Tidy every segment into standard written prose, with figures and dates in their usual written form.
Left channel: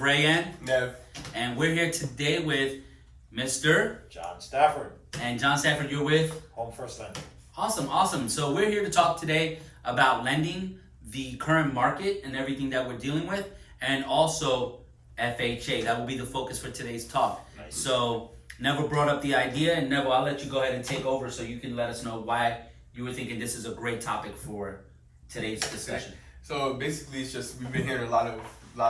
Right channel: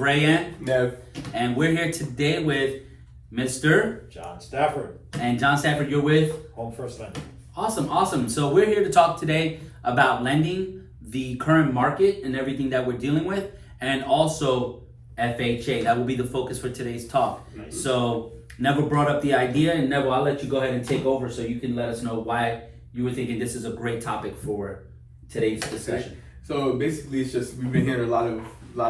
with Ray and Nev. And we're here today with Mr. John Stafford. And John Stafford, you're with Home First Lending. Awesome. So we're here to talk today about lending, the current market and everything that we're dealing with, and also FHA. That will be the focus for today's talk. Nice. So Neville brought up the idea, and Neville, I'll let you go ahead and take over so you can let us know why you were thinking this is a great topic for today's discussion. So basically, it's just we've been hearing a lot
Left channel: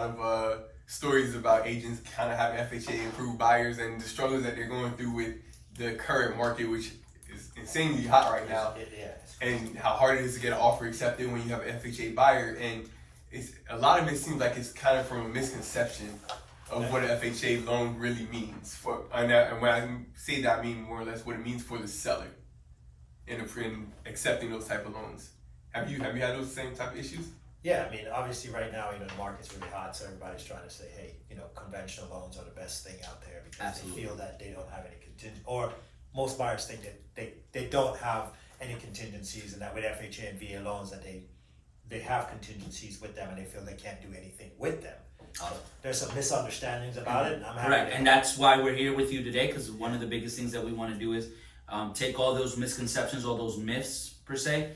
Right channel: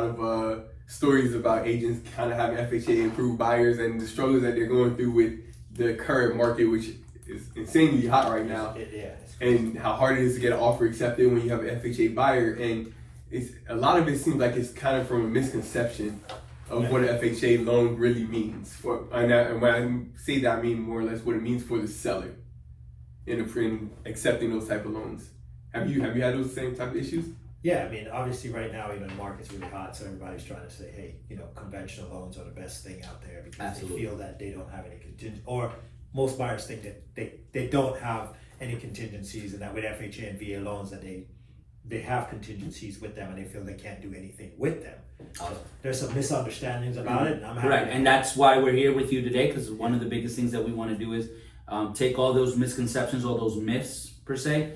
of stories about agents kind of having FHA approved buyers and the struggles that they're going through with the current market, which is insanely hot right now, and how hard it is to get an offer accepted when you have an FHA buyer. And it's a lot of it seems like it's kind of from a misconception of what an FHA loan really means. And when I say that, I mean more or less what it means for the seller in accepting those type of loans. Have you had those same type of issues? Yeah, I mean, obviously right now, the market's really hot, so everybody's trying to say, hey, conventional loans are the best thing out there because Absolutely. They feel that they don't have any contingent, or most buyers think that they don't have any contingencies, and that with FHA and VA loans that they have contingencies with them and they feel they can't do anything with them. There's some misunderstandings about it, and I'm happy. Right, and that's why we're here with you today, because one of the biggest things that we want to do is take all those misconceptions, all those myths per se,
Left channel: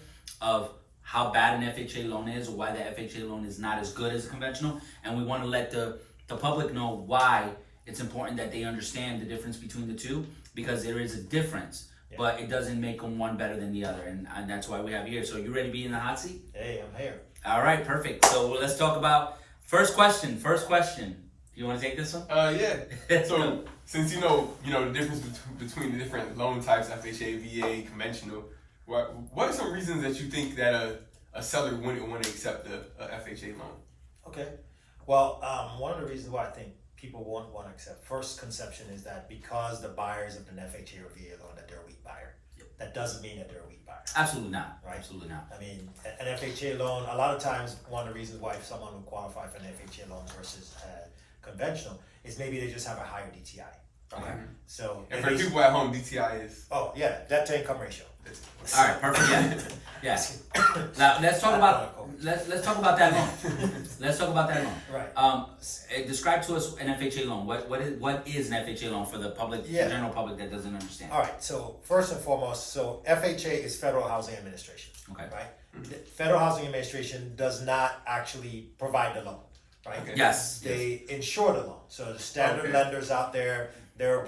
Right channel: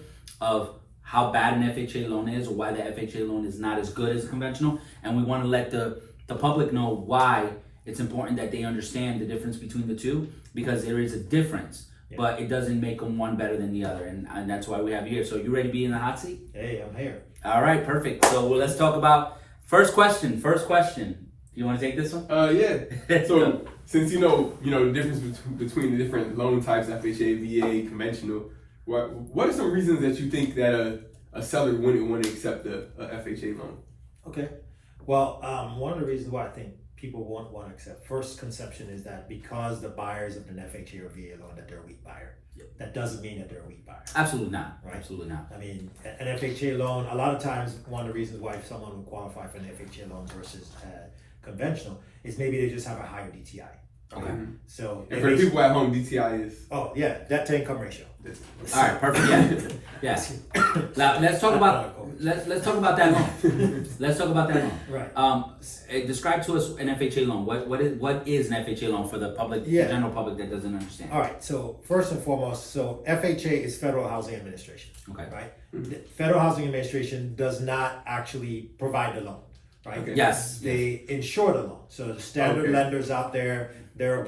of how bad an FHA loan is or why the FHA loan is not as good as a conventional, and we want to let the public know why it's important that they understand the difference between the two, because there is a difference, but it doesn't make them one better than the other, and that's why we have you here. So you ready to be in the hot seat? Hey, I'm here. All right, perfect. So let's talk about first question. Do you want to take this one? Yeah. So since you know the difference between the different loan types, FHA, VA, conventional, what are some reasons that you think that a seller wouldn't want to accept a FHA loan? Okay. Well, one of the reasons why I think people won't want to accept, first conception is that because the buyers of an FHA or VA loan that they're a weak buyer. Yep. That doesn't mean that they're a weak buyer. Absolutely not. Right. Absolutely not. I mean, an FHA loan, a lot of times, one of the reasons why someone would qualify for an FHA loan versus conventional is maybe they just have a higher DTI. Okay. So, And for the people at home, DTI is... Oh, yeah, debt to income ratio. All right, perfect. Yeah. Now let's talk about that loan. Let's talk about that loan. Right. Describe to us an FHA loan. What is an FHA loan for the public, the general public that doesn't understand? All right. So first and foremost, FHA is Federal Housing Administration. Okay. Right. The Federal Housing Administration does not actually provide the loan. Right. Okay. Yes. They insure the loan. So the standard lenders out there, they're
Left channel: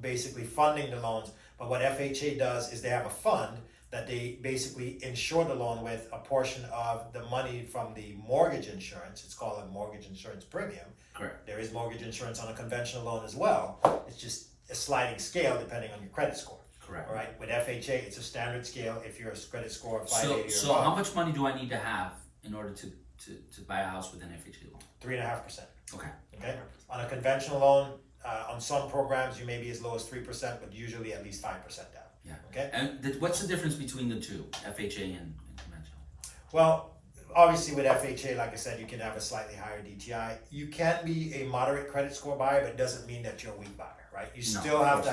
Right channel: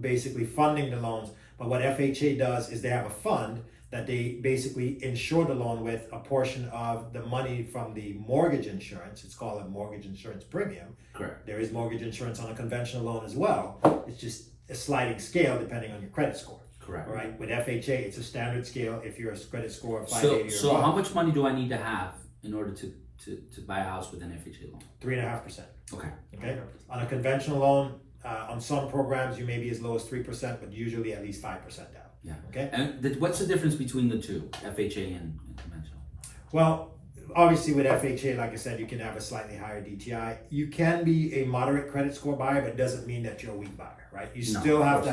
basically funding the loans. But what FHA does is they have a fund that they basically insure the loan with a portion of the money from the mortgage insurance. It's called a mortgage insurance premium. Correct. There is mortgage insurance on a conventional loan as well. It's just a sliding scale depending on your credit score. Correct. Right. With FHA, it's a standard scale. If you're a credit score of 580 So how much money do I need to have in order to buy a house with an FHA loan? 3.5%. Okay. Okay. On a conventional loan, on some programs, you may be as low as 3%, but usually at least 5% down. Yeah. Okay. And what's the difference between the two, FHA and conventional? Well, obviously with FHA, like I said, you can have a slightly higher DTI. You can be a moderate credit score buyer, but it doesn't mean that you're a weak buyer, right? You still have to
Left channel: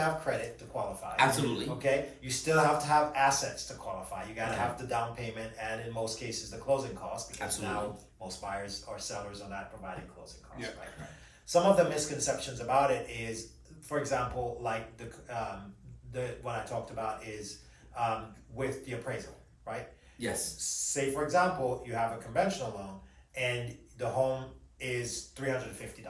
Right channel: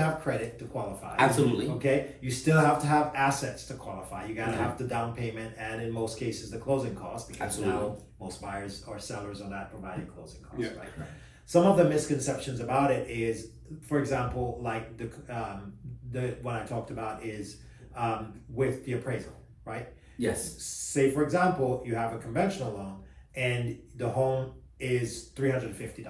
have credit to qualify. Absolutely. Okay. You still have to have assets to qualify. You got to have the down payment and in most cases the closing costs, because Absolutely. now most buyers or sellers are not providing closing costs, Yeah. right? Some of the misconceptions about it is, for example, like the what I talked about is with the appraisal, right? Yes. Say, for example, you have a conventional loan and the home is $350,000,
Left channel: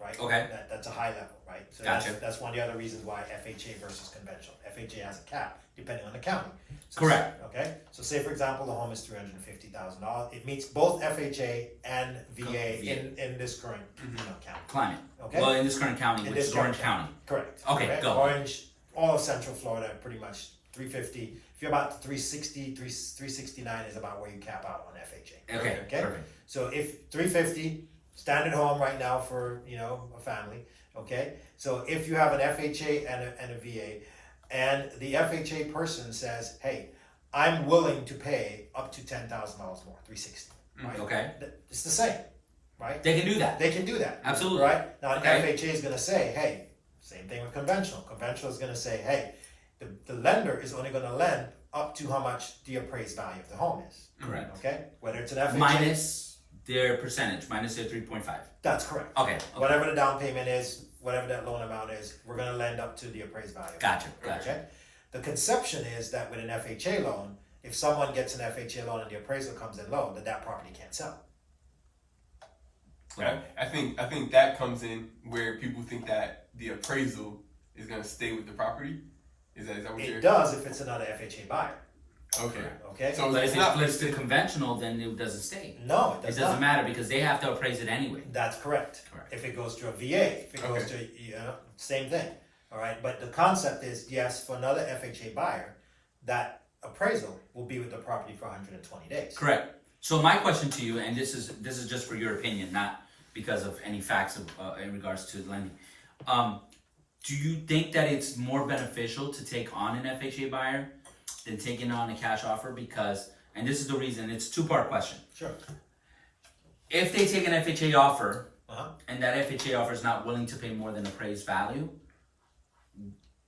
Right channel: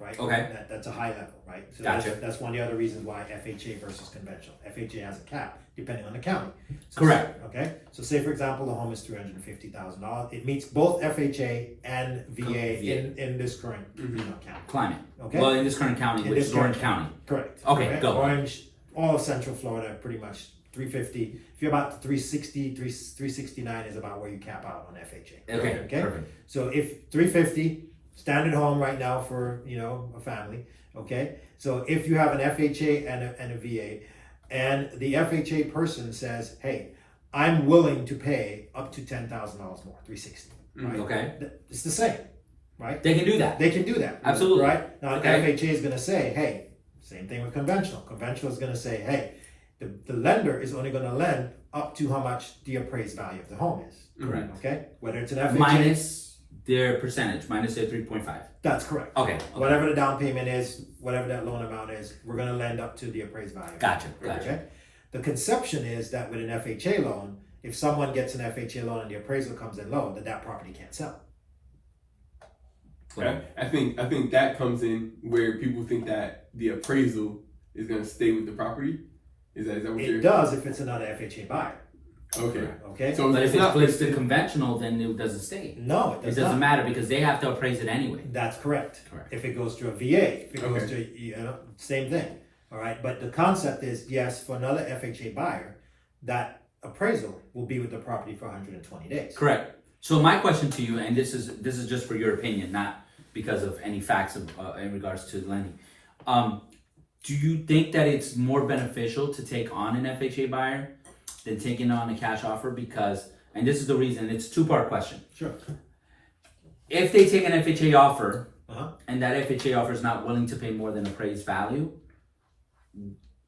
right? Okay. That's a high level, right? So Gotcha. that's one of the other reasons why FHA versus conventional. FHA has a cap depending on the county. So Correct. Okay. So say, for example, the home is $350,000. It meets both FHA and VA in this current county. Climate. Okay. Well, in this current county, In which this is Orange current County. Correct. Okay, Correct. go. Orange, all of Central Florida, pretty much 350. If you're about 360, 369 is about where you cap out on FHA. Okay. Perfect. So if 350, standard home right now for a family. Okay. So if you have an FHA and a VA, and the FHA person says, "Hey, I'm willing to pay up to $10,000 more, 360." Right. Okay. It's the same, right? They can do that. They can do that. Absolutely. Right? Now, Okay. the FHA is going to say, hey, same thing with conventional. Conventional is going to say, hey, the lender is only going to lend up to how much the appraised value of the home is. Correct. Okay? Whether it's an FHA. Minus their percentage minus their 3.5. That's correct. Okay. Whatever the down payment is, whatever that loan amount is, we're going to lend up to the appraised value. Gotcha. Okay. The conception is that with an FHA loan, if someone gets an FHA loan and the appraisal comes in low, that property can't sell. Okay. I think that comes in where people think that the appraisal is going to stay with the property. Is that what you're? It does if it's another FHA buyer. Okay. Okay. So But it's if it not flips to conventional, then it doesn't stay. No, It doesn't matter because they have to appraise it anyway. That's correct. Correct. If it goes to a VA, if it goes to same thing. All right. But the concept is yes, for another FHA buyer, that appraisal will be with the property for 120 days. Correct. So my question to you, and this is just for your opinion, not because of any facts in regards to lending. Do you think that it's more beneficial to take on an FHA buyer than taking on a cash offer? Because, and this is the reason, it's a two-part question. Sure. If they take an FHA offer Uh-huh. and that FHA offer is not willing to pay more than appraised value,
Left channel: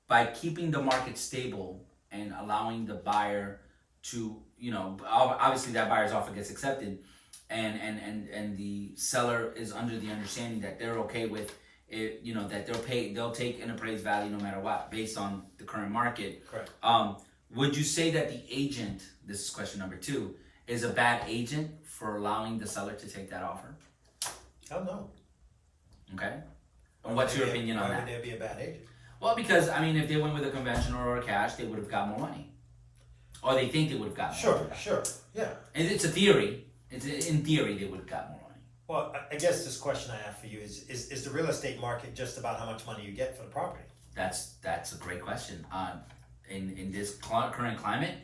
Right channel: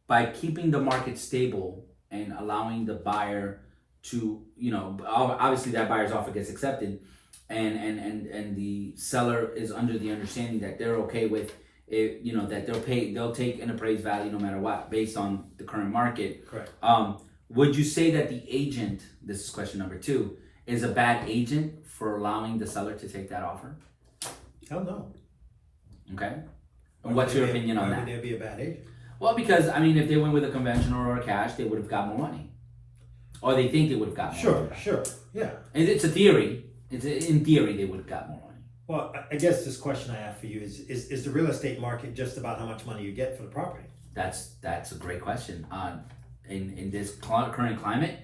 by keeping the market stable and allowing the buyer to, obviously that buyer's offer gets accepted, and the seller is under the understanding that they're okay with it, that they'll take an appraised value no matter what, based on the current market. Correct. Would you say that the agent, this is question number 2, is a bad agent for allowing the seller to take that offer? Hell no. Okay. And what's your opinion on Why that? would there be a bad agent? Well, because, if they went with a conventional or a cash, they would have got more money. Or they think they would have got more money. Sure. Yeah. And it's a theory. In theory, they would have got more money. Well, I guess this question I have for you is the real estate market just about how much money you get for the property? That's a great question. In this current climate,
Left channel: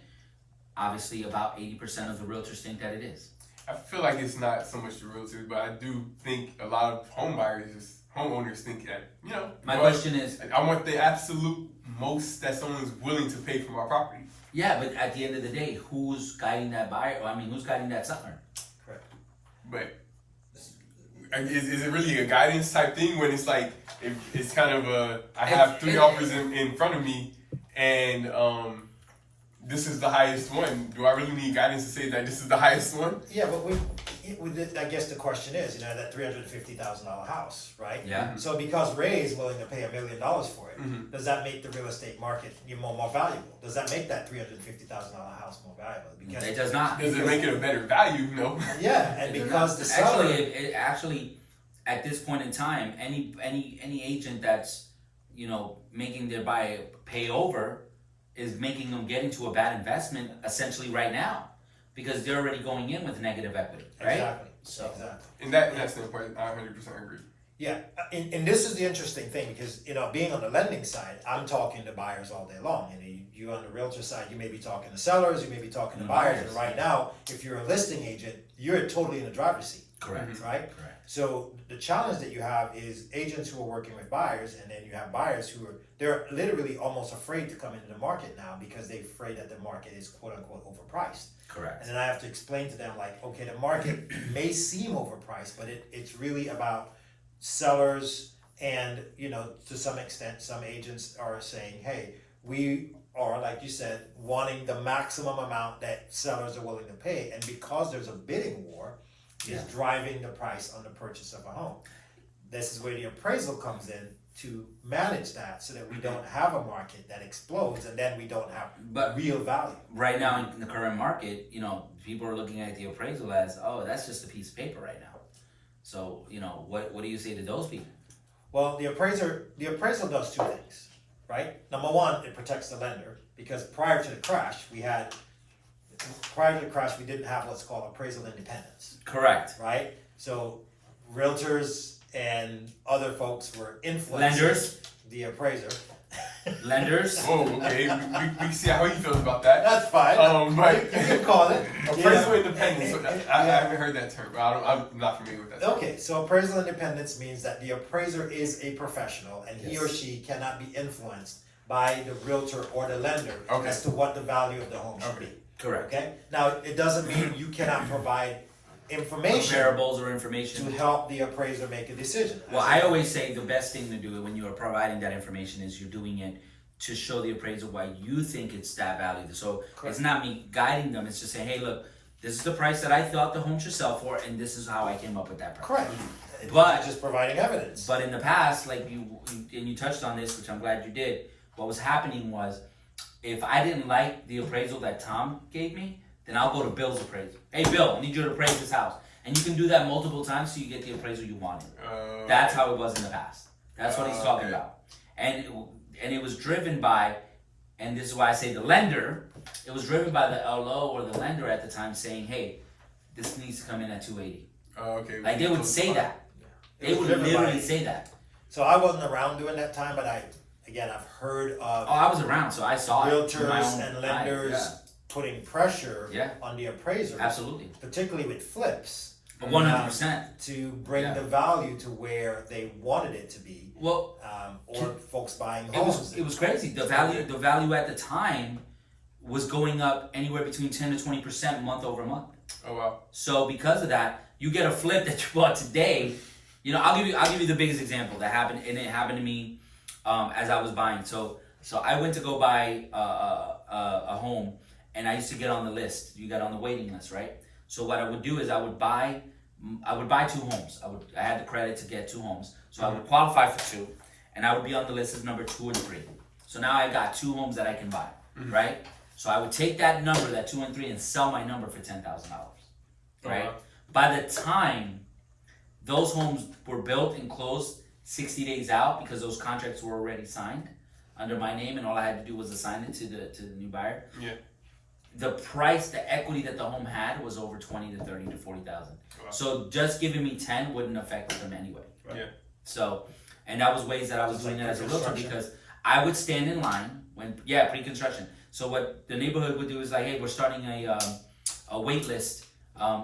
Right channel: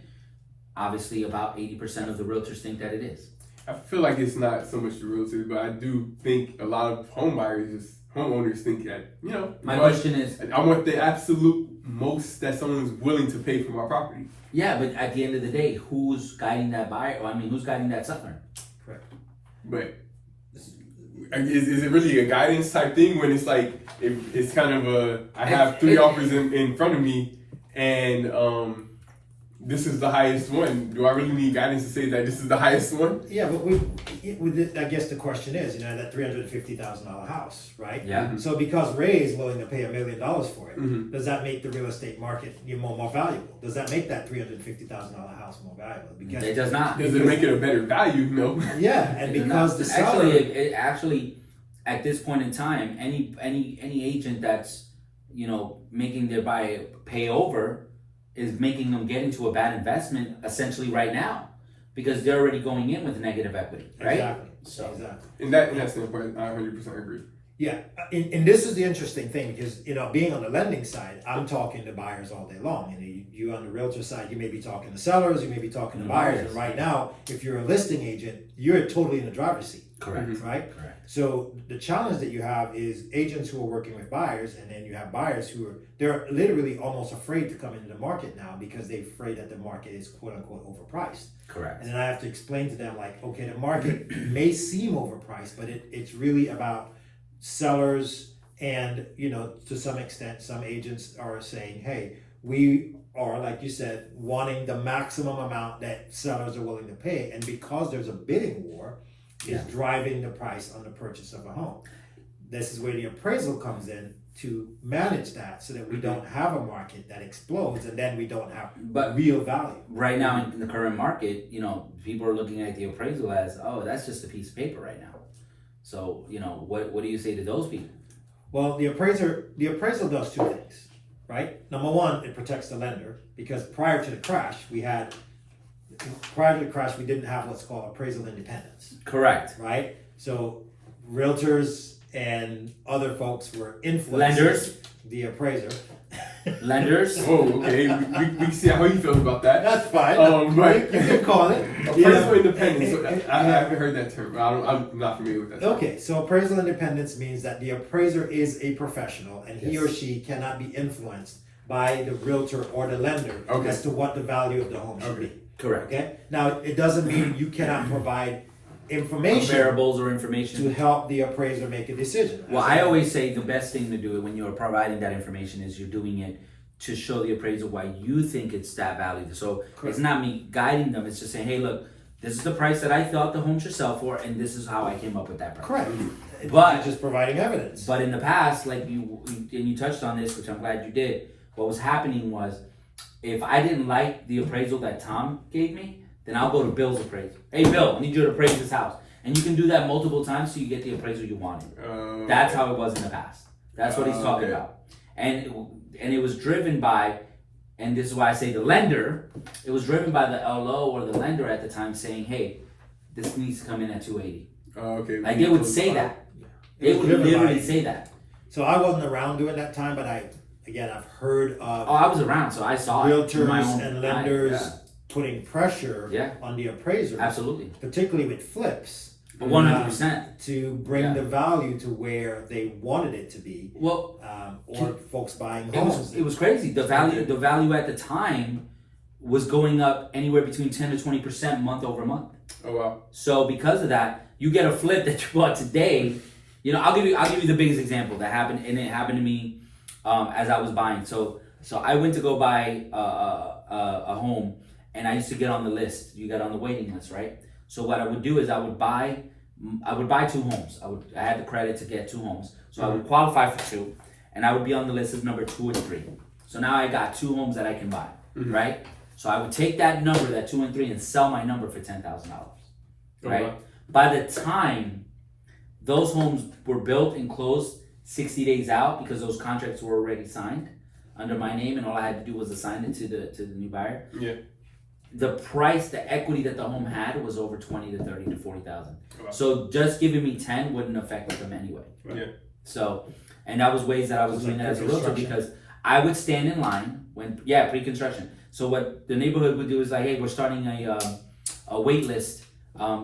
obviously about 80% of the realtors think that it is. I feel like it's not so much the realtors, but I do think a lot of homeowners think that, My question is, I want the absolute most that someone's willing to pay for my property. yeah, but at the end of the day, who's guiding that buyer? Who's guiding that seller? Correct. But is it really a guidance type thing when it's like, it's kind of I have 3 offers in front of me and this is the highest one. Do I really need guidance to say that this is the highest one? Yeah, but I guess the question is, that $350,000 house, right? Yeah. Mm-hmm. So because Ray is willing to pay $1 million for it, does that make the real estate market more valuable? Does that make that $350,000 house more valuable? Because It does not. Does it make it a better value? No. yeah, and because the seller Actually, at this point in time, any agent that's making their buyer pay over is making them get into a bad investment essentially right now, because they're already going in with negative equity, right? Exactly. So And that's the part I 100% agree. Yeah, and this is the interesting thing because being on the lending side, I'm talking to buyers all day long. You on the realtor side, you may be talking to sellers, you may be talking to buyers. And right now, if you're a listing agent, you're totally in the driver's seat. correct. Right? Correct. So the challenge that you have is agents who are working with buyers, and then you have buyers they're literally almost afraid to come into the market now because they're afraid that the market is quote unquote overpriced. Correct. And then I have to explain to them okay, the market may seem overpriced, but it's really about sellers and to some extent some agents are saying, hey, we are, like you said, wanting the maximum amount that sellers are willing to pay, and because there's a bidding war, is driving the price on the purchase of a home. This is where the appraisal comes in to manage that so that we don't have a market that explodes and then we don't have real value. Right now in the current market, people are looking at the appraisal as, oh, that's just a piece of paper right now. So, what do you say to those people? Well, the appraisal does 2 things, right? Number one, it protects the lender because prior to the crash, we didn't have what's called appraisal independence. Correct. Right? So realtors and other folks were influencing Lenders. the appraiser. Lenders. Oh, okay. we can see how you feel about that. That's fine. Right. You can call it. Appraisal independence. So I haven't heard that term. I'm not familiar with that term. Okay, so appraisal independence means that the appraiser is a professional and he or she cannot be influenced by the realtor or the lender as to what the value of the home should be. Correct. Okay? Now, it doesn't mean you cannot provide information Variables or information to help the appraiser make a decision. Well, I always say the best thing to do it when you're providing that information is you're doing it to show the appraiser why you think it's that value. So it's not me guiding them. It's just saying, hey, look, this is the price that I thought the home should sell for, and this is how I came up with that price. Correct. But- You're just providing evidence. But in the past, like you touched on this, which I'm glad you did, what was happening was, if I didn't like the appraisal that Tom gave me, then I'll go to Bill's appraisal. Hey Bill, I need you to appraise this house. And you can do that multiple times so you get the appraisal you wanted. That's how it was in the past. That's what he's talking about. And it was driven by, and this is why I say the lender, it was driven by the LO or the lender at the time saying, hey, this needs to come in at 280. Okay. Like they would say that. They would driven literally by- say that. So I wasn't around during that time, but I've heard of Oh, I was around, so I saw it. with my realtors own and eye. lenders putting pressure Yeah. on the appraisers, Absolutely. particularly with flips, 100%. to bring Yeah. the value to where they wanted it to be, Well, or folks buying it homes. was crazy. The value at the time was going up anywhere between 10 to 20% month over month. Oh wow. So because of that, you get a flip that you bought today. You know, I'll give you the biggest example that happened, and it happened to me as I was buying. So I went to go buy a home, and I used to get on the list. You got on the waiting list, right? So what I would do is I would buy 2 homes. I had the credit to get 2 homes, so I would qualify for 2, and I would be on the list as number 2 and 3. So now I got 2 homes that I can buy, right? So I would take that number, that 2 and 3, and sell my number for $10,000, right? wow. By the time those homes were built and closed 60 days out, because those contracts were already signed under my name, and all I had to do was assign it to the new buyer. Yeah. The price, the equity that the home had was over 20 to 30 to 40,000. Wow. So just giving me 10 wouldn't affect them anyway. Yeah. So, and that was ways that I was Just doing like it as a realtor, pre-construction. because I would stand in line when, pre-construction. So what the neighborhood would do is like, hey, we're starting a wait list.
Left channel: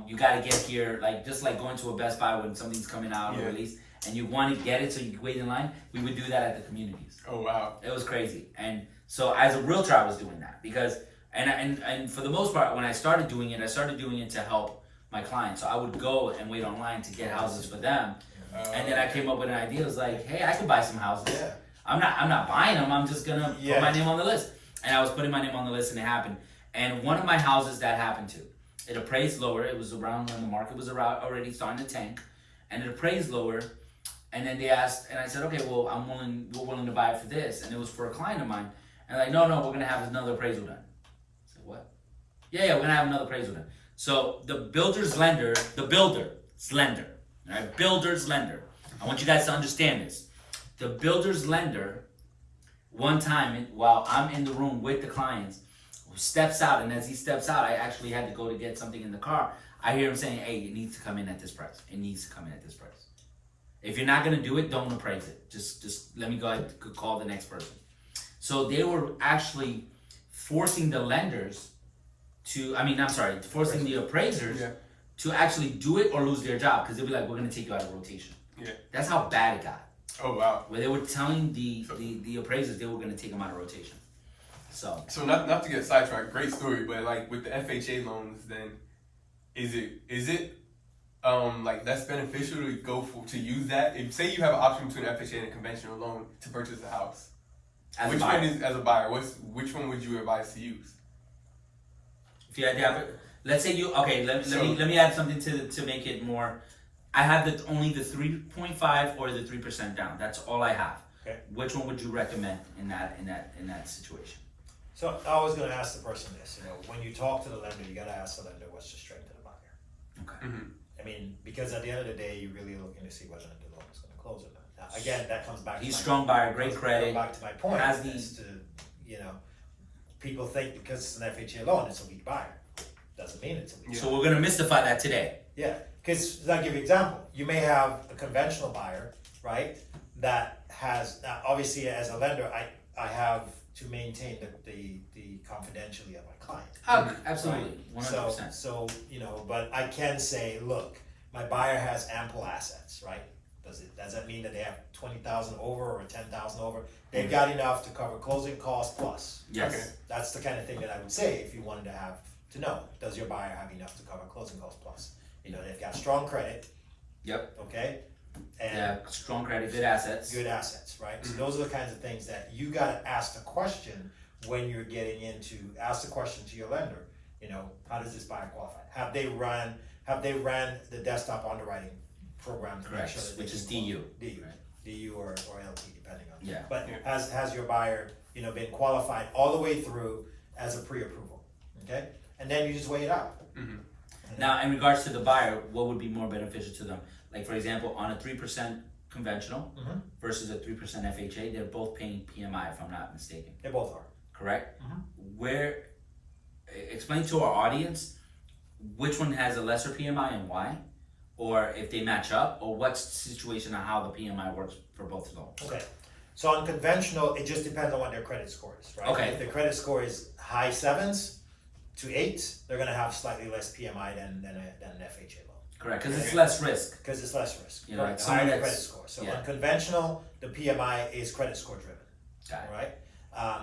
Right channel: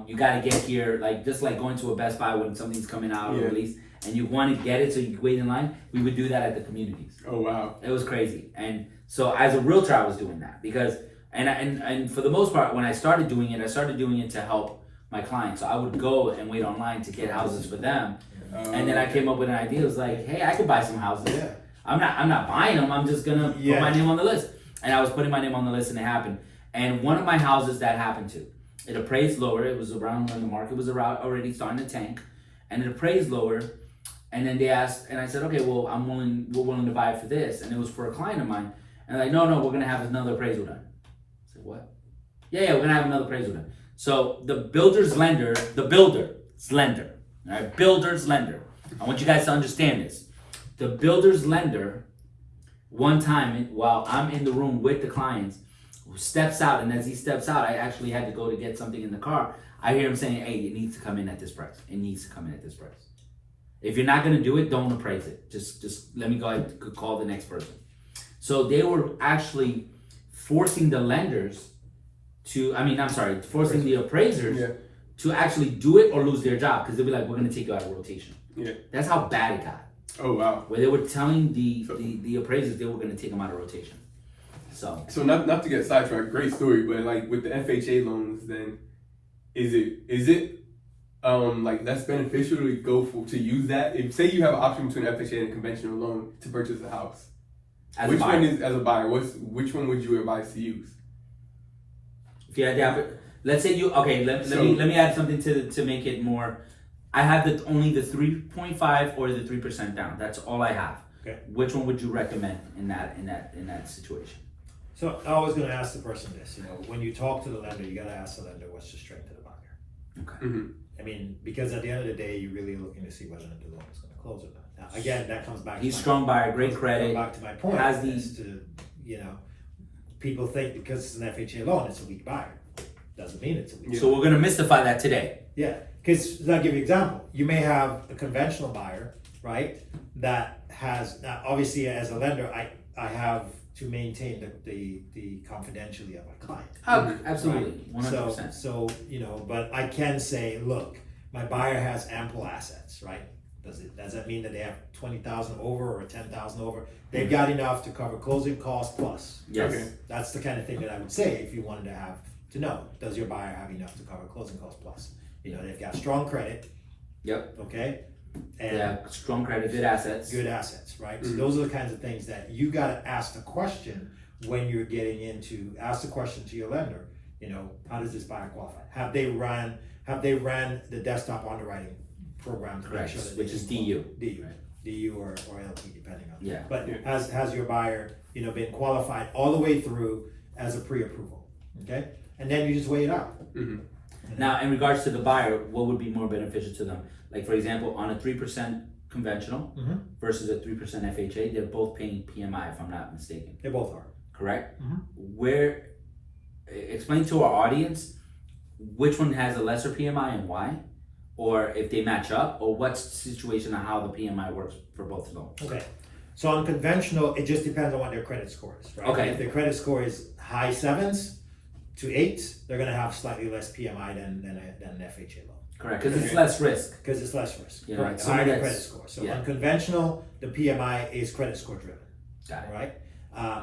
You got to get here, like just like going to a Best Buy when something's coming out or Yeah. release, and you want to get it, so you wait in line. We would do that at the communities. Oh wow. It was crazy. And so as a realtor, I was doing that because, and for the most part, when I started doing it to help my clients. So I would go and wait online to get houses for them. And then I came up with an idea. It was like, hey, I could buy some houses. Yeah. I'm not buying them. I'm just gonna Yeah. put my name on the list. And I was putting my name on the list, and it happened. And one of my houses that happened to, it appraised lower. It was around when the market was around already starting to tank, and it appraised lower. And then they asked, and I said, okay, well, we're willing to buy it for this. And it was for a client of mine. And they're like, no, we're gonna have another appraisal done. I said, what? Yeah, we're gonna have another appraisal done. So the builder's lender, all right, builder's lender. I want you guys to understand this. The builder's lender, one time while I'm in the room with the clients, steps out, and as he steps out, I actually had to go to get something in the car. I hear him saying, hey, it needs to come in at this price. It needs to come in at this price. If you're not gonna do it, don't appraise it. Just let me go ahead and call the next person. So they were actually forcing the lenders forcing the appraisers to actually do it or lose their job, because they'll be like, we're gonna take you out of rotation. Yeah. That's how bad it got. Oh wow. Where they were telling the appraisers they were gonna take them out of rotation. So not to get sidetracked, great story, but like with the FHA loans, then is it like less beneficial to use that? If say you have an option between FHA and a conventional loan to purchase a house, which one is, as a buyer, which one would you advise to use? if you had the let's say you let me add something to make it more. I have only the 3.5 or the 3% down. That's all I have. Okay. Which one would you recommend in that situation? So I was going to ask the person this. When you talk to the lender, you got to ask the lender what's the strength of the buyer. Okay. Mm-hmm. I mean, because at the end of the day, you're really looking to see whether the loan is going to close or not. Now, again, that comes back. He's to strong buyer, great credit. Back to my point. Has People think because it's an FHA loan, it's a weak buyer. Doesn't mean it's a weak. So we're gonna mystify that today. Yeah, because I'll give you an example. You may have a conventional buyer, right? That has now, obviously, as a lender, I have to maintain the confidentiality of my client. Absolutely, Right? 100%. So but I can say, look, my buyer has ample assets, right? Does that mean that they have 20,000 over or 10,000 over? They've got enough to cover closing costs plus. Yes. Okay. That's the kind of thing that I would say if you wanted to know, does your buyer have enough to cover closing costs plus? They've got strong credit. Yep. Okay. And Yeah, strong credit, good assets. good assets, right? So those are the kinds of things that you got to ask the question when you're ask the question to your lender. how does this buyer qualify? Have they ran the desktop underwriting program? Correct, Sure that which they is can DU. DU, DU or LT, depending on. Yeah. But has your buyer, been qualified all the way through as a pre-approval, okay? And then you just weigh it out. Mm-hmm. Now, in regards to the buyer, what would be more beneficial to them? Like, for example, on a 3% conventional versus a 3% FHA, they're both paying PMI, if I'm not mistaken. They both are. Correct? Explain to our audience which one has a lesser PMI and why, or if they match up, or what's the situation on how the PMI works for both loans. Okay. So on conventional, it just depends on what their credit score is, right? Okay. If their credit score is high 7s to 8s, they're gonna have slightly less PMI than an FHA loan. Correct, because it's less risk. Because it's less risk. You know, Correct. someone Higher that's- credit score. So yeah. on conventional, the PMI is credit score driven. Got it. Right?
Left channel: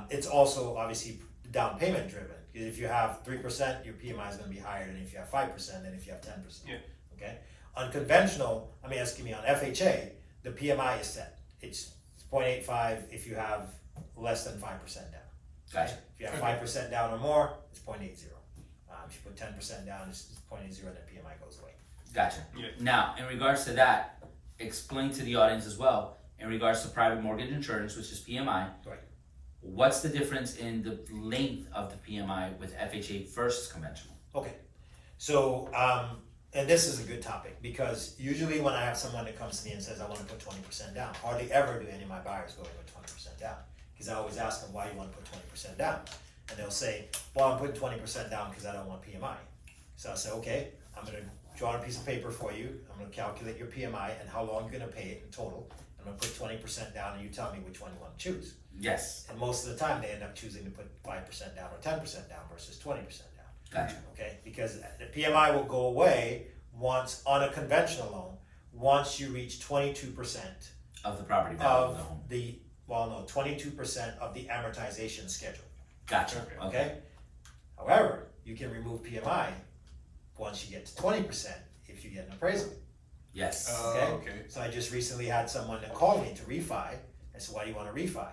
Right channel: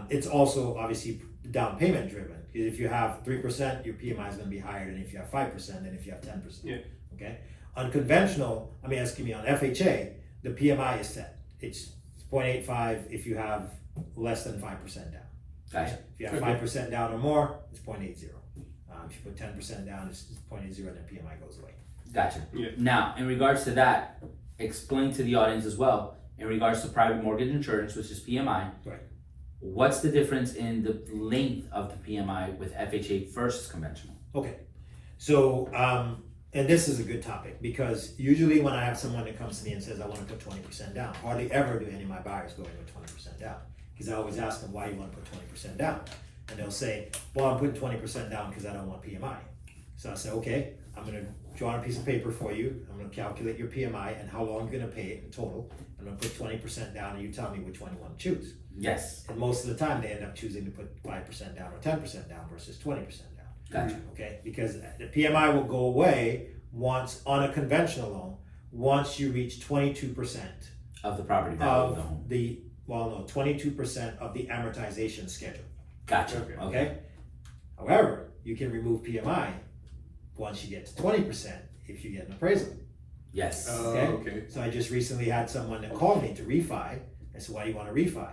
It's also obviously down payment driven. Because if you have 3%, your PMI is going to be higher than if you have 5% than if you have 10%. Yeah. Okay. On conventional, on FHA, the PMI is set. It's 0.85 if you have less than 5% down. Gotcha. If you have 5% down or more, it's 0.80. If you put 10% down, it's 0.80, then PMI goes away. Gotcha. Yeah. Now, in regards to that, explain to the audience as well, in regards to private mortgage insurance, which is PMI, Right. what's the difference in the length of the PMI with FHA versus conventional? Okay, so, and this is a good topic because usually when I have someone that comes to me and says, I want to put 20% down, hardly ever do any of my buyers go in with 20% down. Because I always ask them, why do you want to put 20% down? And they'll say, well, I'm putting 20% down because I don't want PMI. So I say, okay, I'm going to draw on a piece of paper for you. I'm going to calculate your PMI and how long you're going to pay it in total. I'm going to put 20% down and you tell me which one you want to choose. Yes. And most of the time they end up choosing to put 5% down or 10% down versus 20% down. Gotcha. Okay, because the PMI will go away once on a conventional loan, once you reach 22% Of the property value of the of home. 22% of the amortization schedule. Gotcha. Okay. However, you can remove PMI once you get to 20% if you get an appraisal. Yes. Okay. So I just recently had someone that called me to refi. I said, why do you want to refi?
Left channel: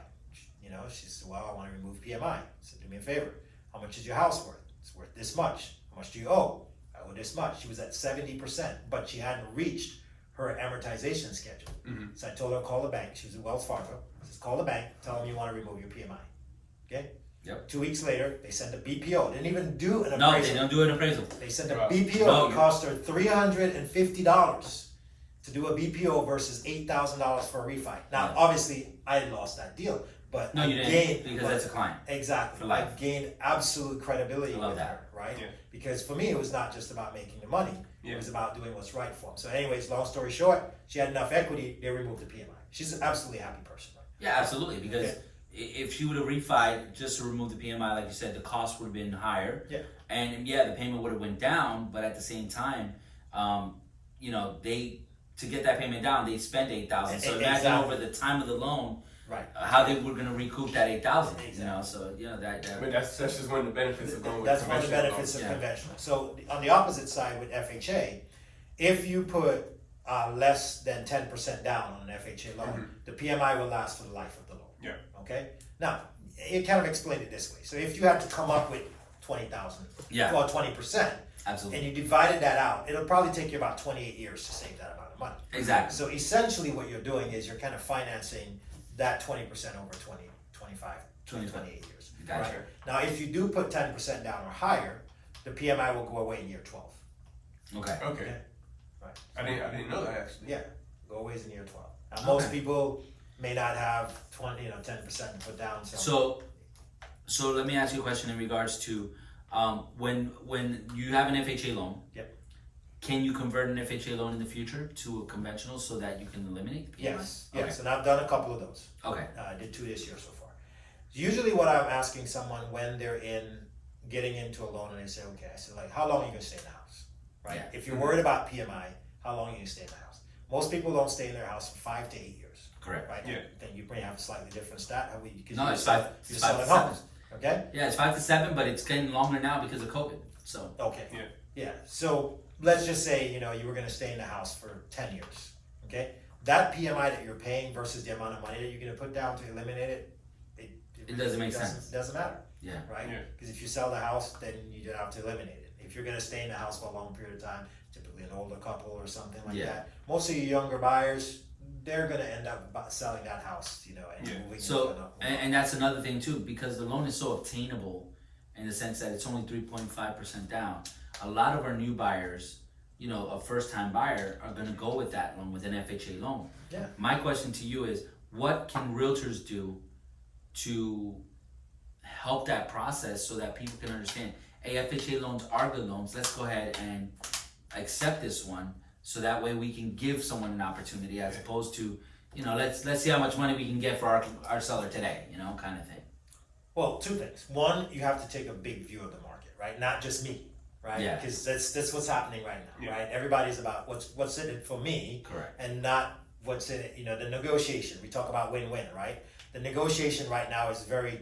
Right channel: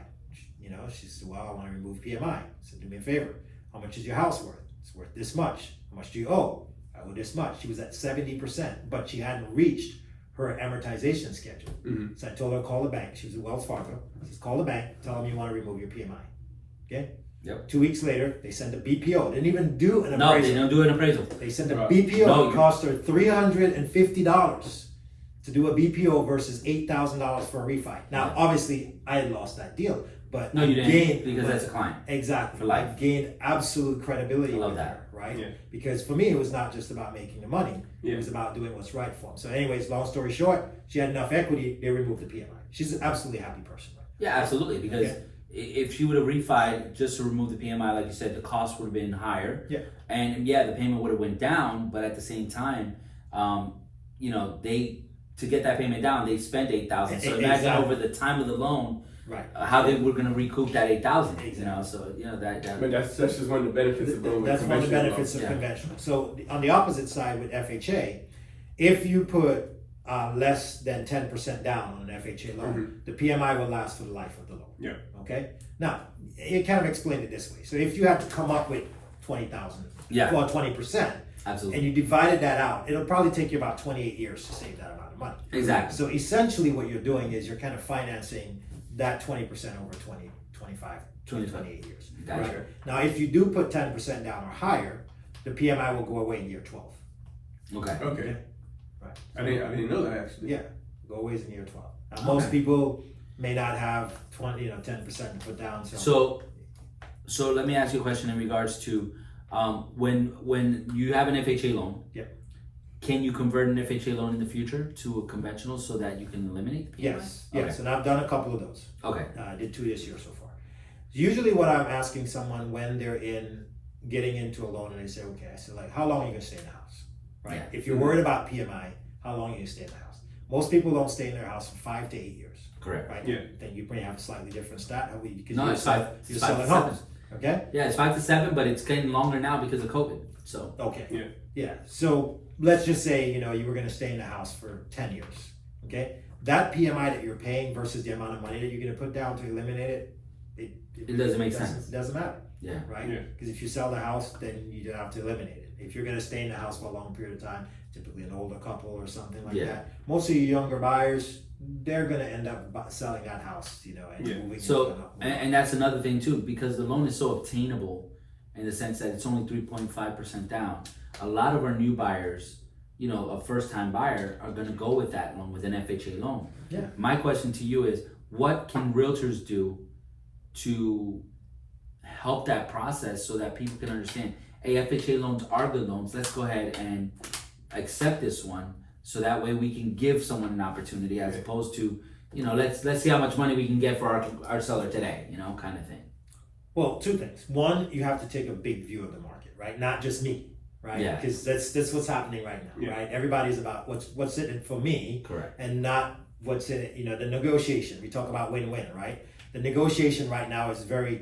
She said, well, I want to remove PMI. I said, do me a favor. How much is your house worth? It's worth this much. How much do you owe? I owe this much. She was at 70%, but she hadn't reached her amortization schedule. So I told her to call the bank. She was at Wells Fargo. I said, call the bank. Tell them you want to remove your PMI. Okay? Yep. 2 weeks later, they sent a BPO. They didn't even do an appraisal. No, they don't do an appraisal. They sent a Right. BPO. No, It cost her $350 to do a BPO versus $8,000 for a refi. Now, Right. obviously, I had lost that deal, but No, I you didn't, gained, because that's a client. exactly for life. I gained absolute credibility I love with that. her, right? Yeah. Because for me, it was not just about making the money; Yeah. it was about doing what's right for them. So, anyways, long story short, she had enough equity; they removed the PMI. She's an absolutely happy person. Yeah, absolutely. Because Okay. if she would have refied just to remove the PMI, like you said, the cost would have been higher. Yeah. And yeah, the payment would have went down, but at the same time, they to get that payment down, they spent $8,000. So imagine Exactly. over the time of the loan, Right. how they were going to recoup that $8,000. Exactly. So that. But that's just one of the benefits of going with That's one of the conventional benefits of Yeah. conventional. So on the opposite side with FHA, if you put less than 10% down on an FHA loan, the PMI will last for the life of the loan. Yeah. Okay. Now, you kind of explain it this way. So if you have to come up with 20,000, Yeah. well, 20%, Absolutely. and you divided that out, it'll probably take you about 28 years to save that amount of money. Exactly. So essentially, what you're doing is you're kind of financing that 20% over 20, 25, 28 years. Gotcha. Right? Now, if you do put 10% down or higher, the PMI will go away in year 12. Okay. Okay. Right. I didn't know that actually. Yeah, go away in year 12. Now, most people may not have 10% put down. So let me ask you a question in regards to when you have an FHA loan. Yeah. Can you convert an FHA loan in the future to a conventional so that you can eliminate the PMI? Yes, Okay. yes, and I've done a couple of those. Okay. I did 2 this year so far. Usually, what I'm asking someone when they're getting into a loan and they say, okay, I said, like, how long are you gonna stay in the house? Right. Yeah. If you're worried about PMI, how long are you gonna stay in the house? Most people don't stay in their house for 5 to 8 years. Correct. Right. Yeah. Then you may have a slightly different stat. No, it's 5 You're to 7. selling homes. Okay. Yeah, it's 5 to 7, but it's getting longer now because of COVID. So Okay. Yeah. Yeah. So let's just say you were going to stay in the house for 10 years. Okay. That PMI that you're paying versus the amount of money that you're going to put down to eliminate it, It doesn't make sense. It doesn't matter. Yeah. Right? Yeah. Because if you sell the house, then you have to eliminate it. If you're going to stay in the house for a long period of time, typically an older couple or something like that, most of your younger buyers, they're going to end up selling that house, and moving. So, and that's another thing too, because the loan is so obtainable in the sense that it's only 3.5% down. A lot of our new buyers, a first-time buyer, are going to go with that loan, with an FHA loan. Yeah. My question to you is, what can realtors do to help that process so that people can understand, hey, FHA loans are good loans. Let's go ahead and accept this one, so that way we can give someone an opportunity, as opposed to, let's see how much money we can get for our seller today, kind of thing. Well, two things. One, you have to take a big view of the market, right? Not just me, right? Yeah. Because that's what's happening right now, right? Everybody's about what's in it for me, Correct. and not what's in it. The negotiation. We talk about win-win, right? The negotiation right now is very,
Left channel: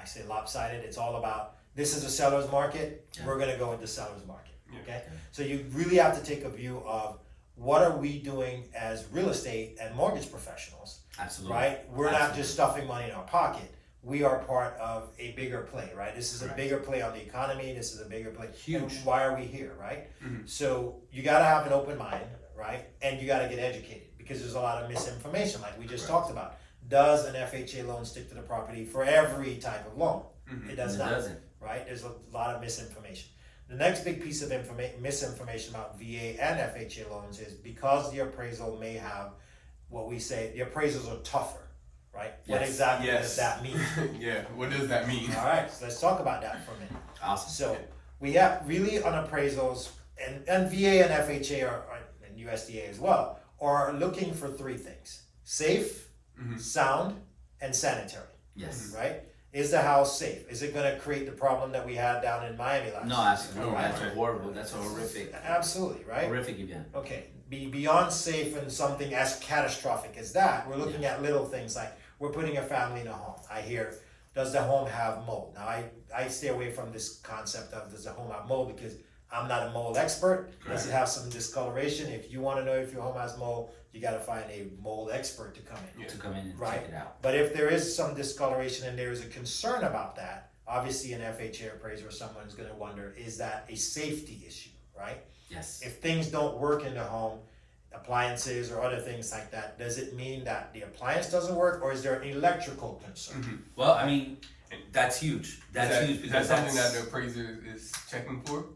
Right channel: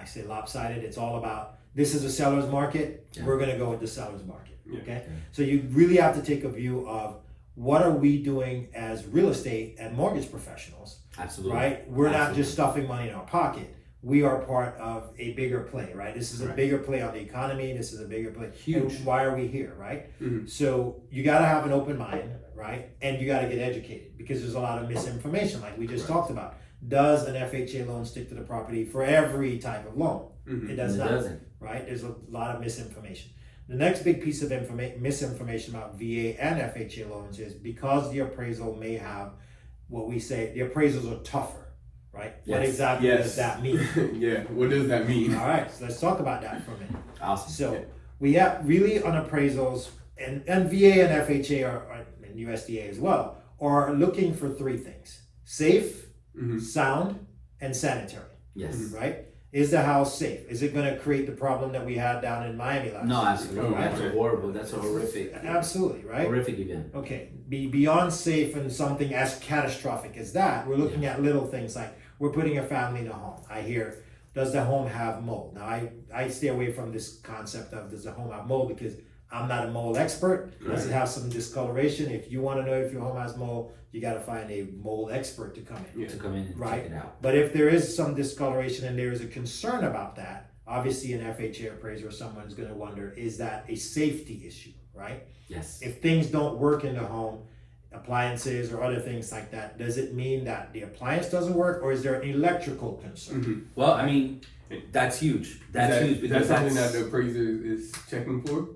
I say, lopsided. It's all about, this is a seller's market. Yeah. We're going to go with the seller's market. Okay. Yeah. So you really have to take a view of, what are we doing as real estate and mortgage professionals? Absolutely. Right? We're not just stuffing money in our pocket. We are part of a bigger play, right? This is a bigger play on the economy. This is a bigger play. Huge. And why are we here, right? Mm-hmm. So you got to have an open mind, right? And you got to get educated, because there's a lot of misinformation, like we just talked about. Does an FHA loan stick to the property for every type of loan? Mm-hmm. It does It not, doesn't. right? There's a lot of misinformation. The next big piece of misinformation about VA and FHA loans is, because the appraisal may have what we say, the appraisals are tougher, right? Yes. What exactly does that mean? Yeah, what does that mean? All right, so let's talk about that for a minute. Awesome. So we have really on appraisals, and VA and FHA and USDA as well, are looking for three things: safe, sound, and sanitary. Yes. Right? Is the house safe? Is it going to create the problem that we had down in Miami last No, year? absolutely. That's horrible. That's a horrific. Absolutely, right? Horrific event. Okay, beyond safe and something as catastrophic as that, we're looking at little things like, we're putting a family in a home. I hear, does the home have mold? Now, I stay away from this concept of, does the home have mold, because I'm not a mold expert. Does it have some discoloration? If you want to know if your home has mold, you got to find a mold expert to come in. To come in and check it out. But if there is some discoloration and there is a concern about that, obviously an FHA appraiser or someone is going to wonder, is that a safety issue, right? Yes. If things don't work in the home, appliances or other things like that, does it mean that the appliance doesn't work, or is there an electrical concern? Well, I mean, that's huge. That's huge, because that's something that the appraiser is checking for.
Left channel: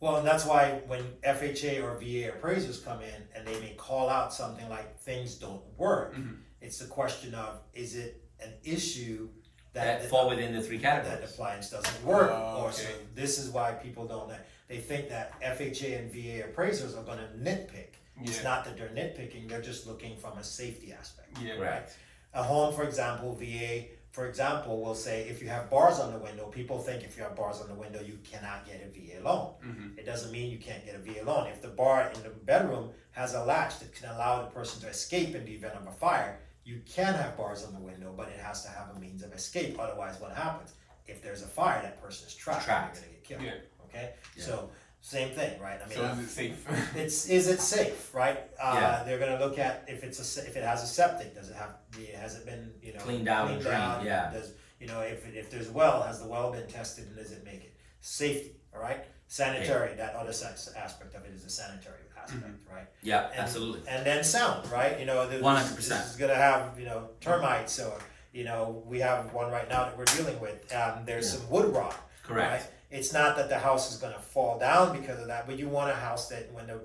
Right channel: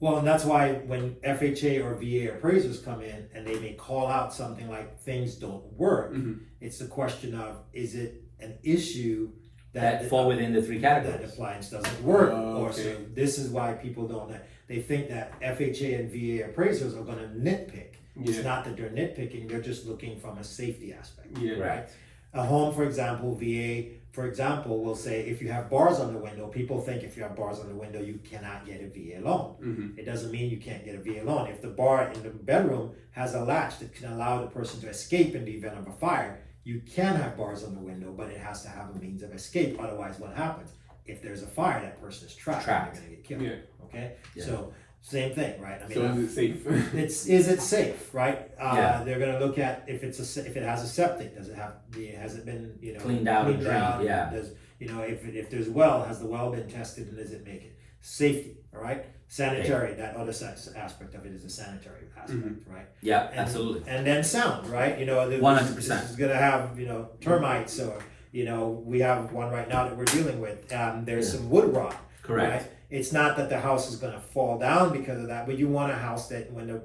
Well, and that's why when FHA or VA appraisers come in and they may call out something like things don't work, it's the question of, is it an issue that fall within the three that categories? appliance doesn't work? Or Okay. so this is why people don't, they think that FHA and VA appraisers are going to nitpick. It's not that they're nitpicking, they're just looking from a safety aspect. Yeah, Right. A home, for example, VA, for example, will say, if you have bars on the window, people think if you have bars on the window, you cannot get a VA loan. It doesn't mean you can't get a VA loan. If the bar in the bedroom has a latch that can allow the person to escape in the event of a fire, you can have bars on the window, but it has to have a means of escape. Otherwise, what happens? If there's a fire, that person is trapped. Trapped. And they're gonna get killed. Okay? Yeah. So, same thing, right? I So is it safe? is it safe, right? Yeah. They're going to look at if it has a septic. Does it have? Has it been Cleaned out and drained, yeah. Does if there's a well, has the well been tested, and does it make it? Safety, all right. Sanitary. That other aspect of it is the sanitary aspect, right? Yeah, And, absolutely. And then sound, right? 100%. This is going to have termites, or we have one right now that we're dealing with. There's some wood rot. Correct. Right? It's not that the house is going to fall down because of that, but you want a house that when the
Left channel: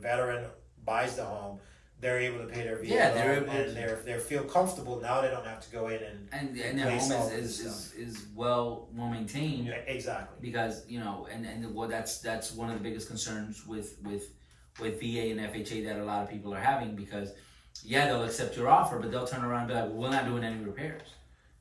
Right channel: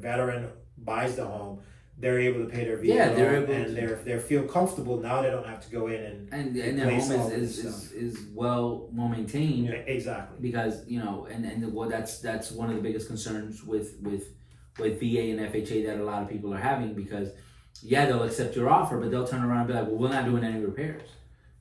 veteran buys the home, they're able to pay their VA Yeah, they're loan, able and they feel comfortable now. They don't have to go in And their replace home all this is well maintained. exactly. Because and well, that's one of the biggest concerns with VA and FHA that a lot of people are having, because they'll accept your offer, but they'll turn around and be like, well, we're not doing any repairs.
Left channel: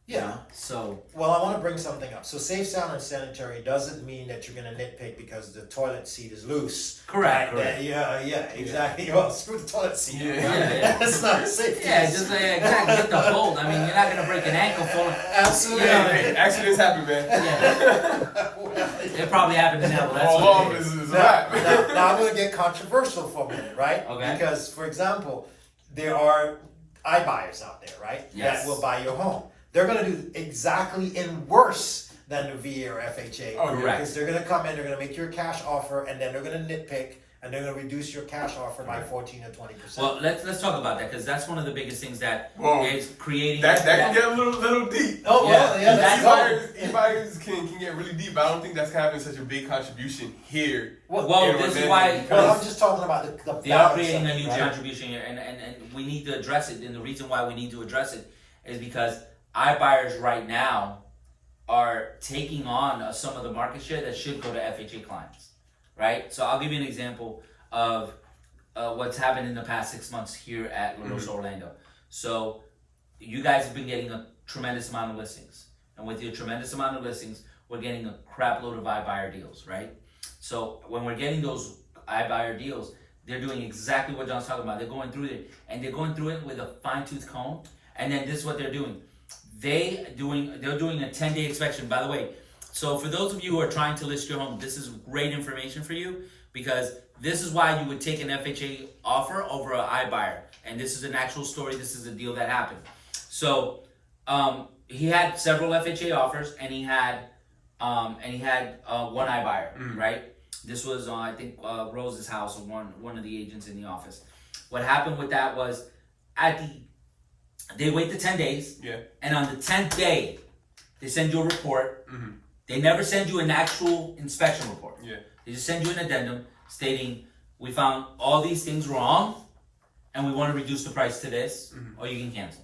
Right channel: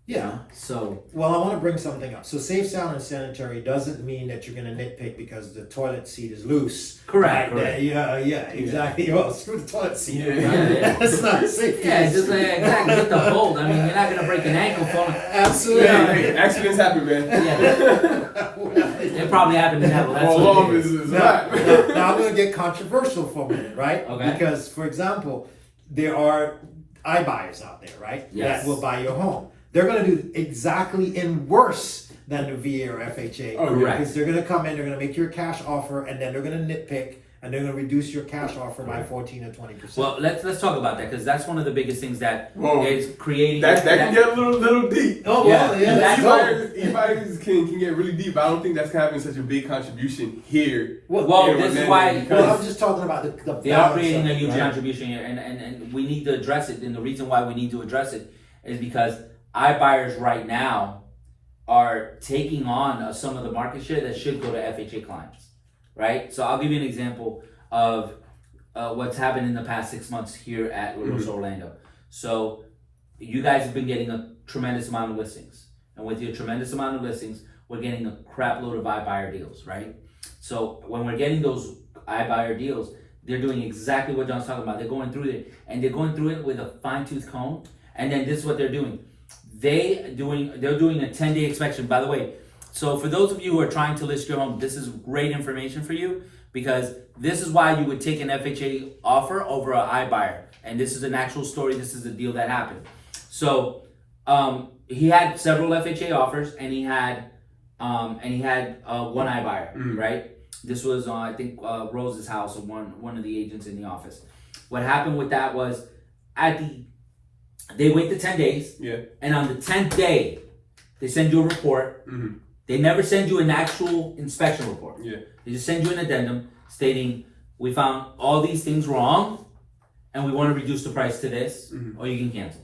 Yeah. So Well, I want to bring something up. So safe, sound, and sanitary doesn't mean that you're going to nitpick because the toilet seat is loose. Correct, Right? correct. Yeah, exactly. Well, screw the toilet seat. Yeah. Yeah. That's not a safety. just like exactly get the hold. I mean, you're not gonna break an ankle falling. Absolutely. Hey, accidents happen, man. It probably happened to Neville. That's All what along it is is. a wrap. Now I'm going to get controversial for a minute, right? Okay. Because, for example, there are iBuyers out there, right? Yes. That will buy your home. they're going to do exactly in worse than the VA or FHA. Oh, correct. Because they're going to come in, they're going to make your cash offer, and then they're going to nitpick, and they're going to reduce your cash offer by 14 or 20%. Well, let's talk about that, because that's one of the biggest things that Whoa. is creating That can get a little deep. Oh, Yeah. well, yeah, that's E-buyers can get really deep, but I don't think that's having such a big contribution here. Well, in this is Orlando why- because- Well, I'm just talking about the they are balance creating of a it, huge right? contribution here, and we need to address it. And the reason why we need to address it is because iBuyers right now are taking on some of the market share that should go to FHA clients, right? So I'll give you an example of what's happened in the past 6 months here at Rose Orlando. So you guys have been getting a tremendous amount of listings, and with your tremendous amount of listings, we're getting a crap load of iBuyer deals, right? So when we're getting those iBuyer deals, they're doing exactly what John's talking about. They're going through it, and they're going through it with a fine-tooth comb. And then this is what they're doing. They're doing a 10-day inspection. By the way, so for those of you who are trying to list your home, this is great information for you, because this is why you would take an FHA offer over an iBuyer. And this is an actual story. This is a deal that happened. So he had several FHA offers, and he had one iBuyer, right? This was I think Rose's house, or one of the agents in the office. What happened with that was they wait the 10 days, and on the 10th day, they send you a report. They never send you an actual inspection report. They just send you an addendum stating, we found all these things wrong, and we want to reduce the price to this, or you can cancel.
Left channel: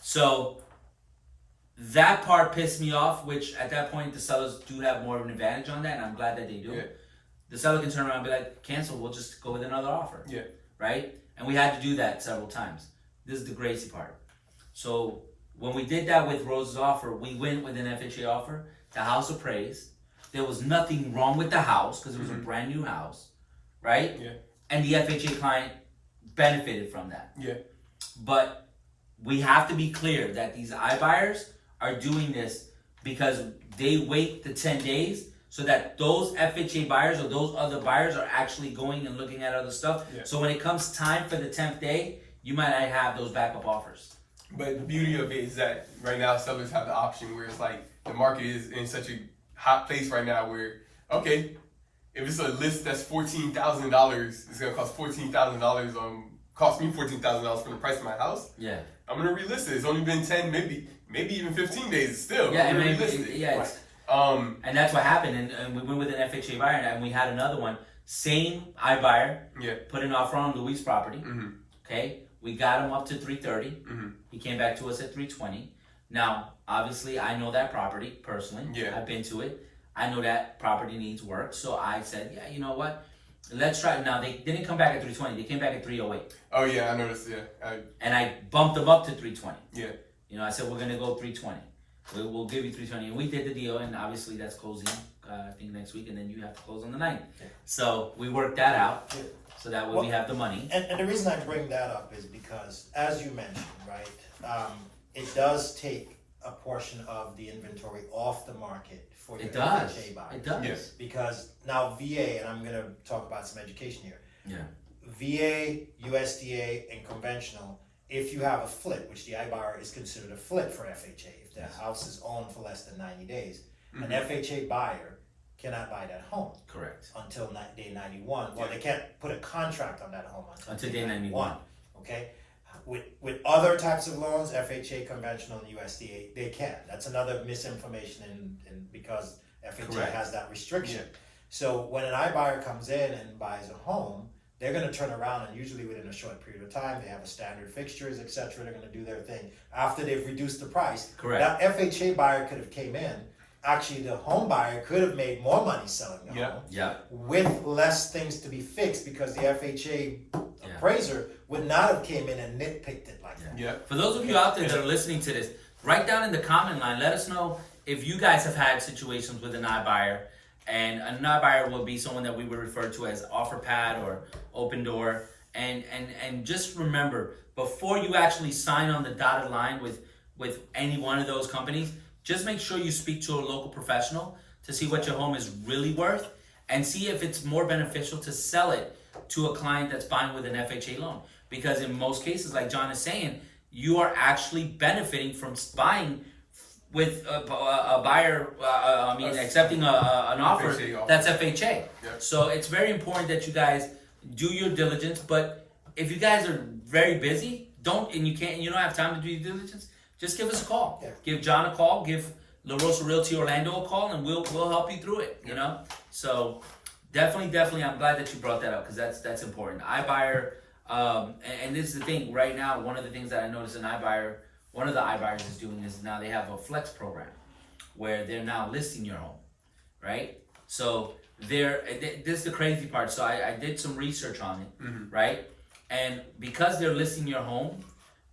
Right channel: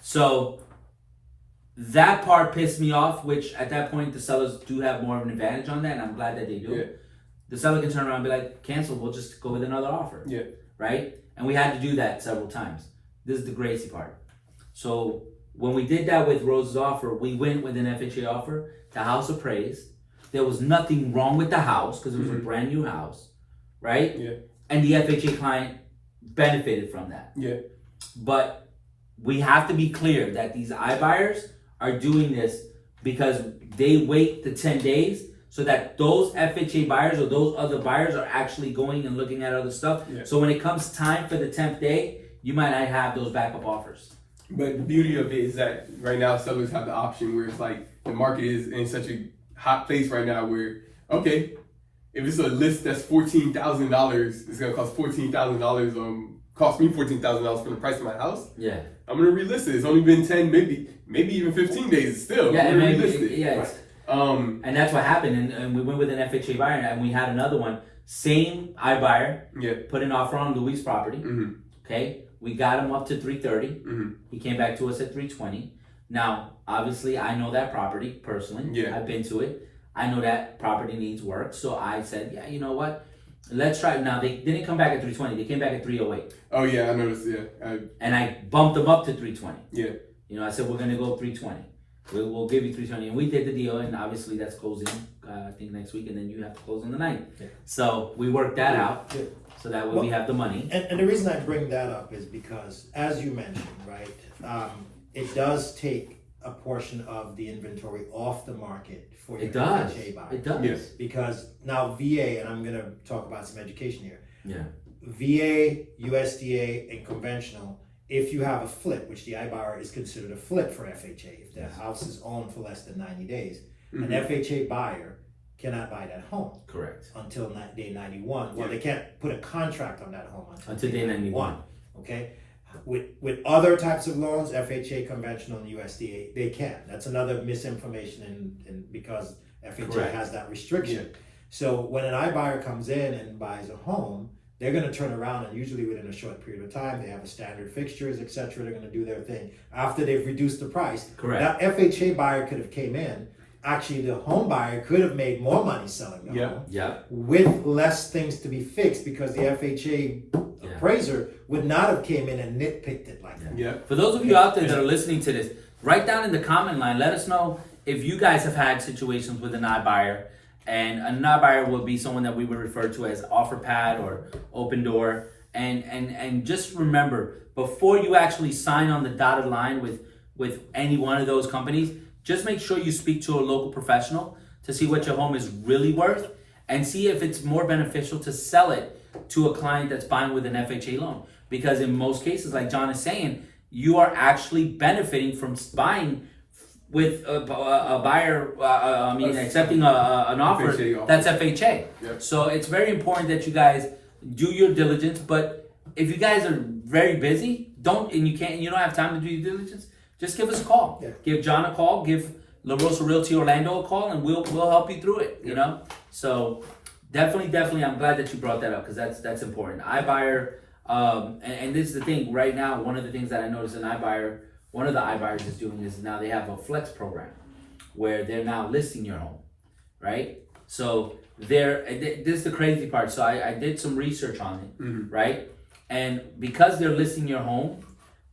So that part pissed me off, which at that point the sellers do have more of an advantage on that, and I'm glad that they do. The seller can turn around and be like, cancel, we'll just go with another offer. Right? And we had to do that several times. This is the crazy part. So when we did that with Rose's offer, we went with an FHA offer. The house appraised. There was nothing wrong with the house because it was a brand new house, right? And the FHA client benefited from that. But we have to be clear that these iBuyers are doing this because they wait the 10 days so that those FHA buyers or those other buyers are actually going and looking at other stuff. So when it comes time for the 10th day, you might not have those backup offers. But the beauty of it is that right now sellers have the option where it's like the market is in such a hot place right now where, okay, if it's a list that's $14,000, it's gonna cost $14,000. Cost me $14,000 for the price of my house. I'm gonna relist it. It's only been 10, maybe even 15 days still. I'm gonna relist it. And that's what happened. And we went with an FHA buyer, and we had another one, same iBuyer, put an offer on Louis' property. Okay, we got him up to 330. He came back to us at 320. Now, obviously, I know that property personally. I've been to it. I know that property needs work. So I said, yeah, you know what? Let's try it. Now, they didn't come back at 320. They came back at 308. Oh, yeah, I noticed, And I bumped them up to 320. Yeah. You know, I said, we're going to go 320. We'll give you 320. And we did the deal, and obviously that's closing, I think, next week, and then you have to close on the 9th. So we worked that out. So that way we have the money. And the reason I bring that up is because, as you mentioned, right, it does take a portion of the inventory off the market for your FHA buyers. It does. Because now VA, and I'm going to talk about some education here. Yeah. VA, USDA, and conventional, if you have a flip, which the iBuyer is considered a flip for FHA, if the house is owned for less than 90 days, an FHA buyer cannot buy that home. Correct. Until day 91. Well, they can't put a contract on that home until day 91. Okay? With other types of loans, FHA, conventional, and USDA, they can. That's another misinformation because FHA has that restriction. So when an iBuyer comes in and buys a home, they're going to turn around, and usually within a short period of time, they have a standard fixtures, etc. They're going to do their thing after they've reduced the price. Correct. That FHA buyer could have came in. Actually, the home buyer could have made more money selling the home with less things to be fixed because the FHA appraiser would not have came in and nitpicked it like that. For those of you out there that are listening to this, write down in the comment line, let us know if you guys have had situations with an iBuyer. And an iBuyer would be someone that we would refer to as OfferPad or Open Door. And just remember, before you actually sign on the dotted line with any one of those companies, just make sure you speak to a local professional to see what your home is really worth and see if it's more beneficial to sell it to a client that's buying with an FHA loan. Because in most cases, like John is saying, you are actually benefiting from buying with a buyer, accepting an offer FHA offer. that's FHA. Yep. So it's very important that you guys do your diligence. But if you guys are very busy, you don't have time to do your diligence, just give us a call. Yeah. Give John a call. Give La Rosa Realty Orlando a call, and we'll help you through it. You know. So definitely, I'm glad that you brought that up because that's important. iBuyer, and this is the thing. Right now, one of the things that I noticed in iBuyer, one of the iBuyers is doing is now they have a flex program where they're now listing your home, right? So this is the crazy part. So I did some research on it, right? And because they're listing your home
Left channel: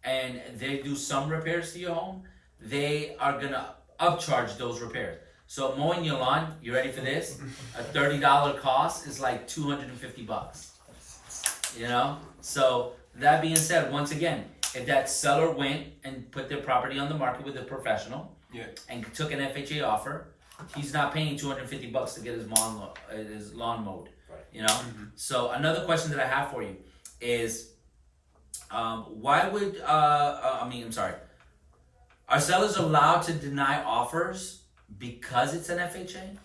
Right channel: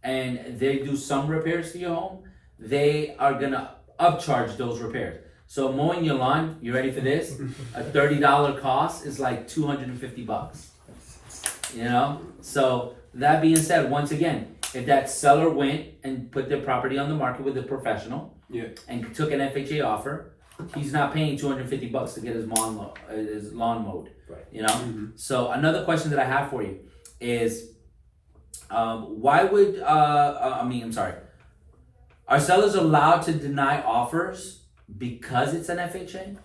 and they do some repairs to your home, they are gonna upcharge those repairs. So mowing your lawn, you ready for this? A $30 cost is like $250. You know? So that being said, once again, if that seller went and put their property on the market with a professional and took an FHA offer, he's not paying $250 to get his lawn mowed. Right. You know? So another question that I have for you is, why would are sellers allowed to deny offers because it's an FHA?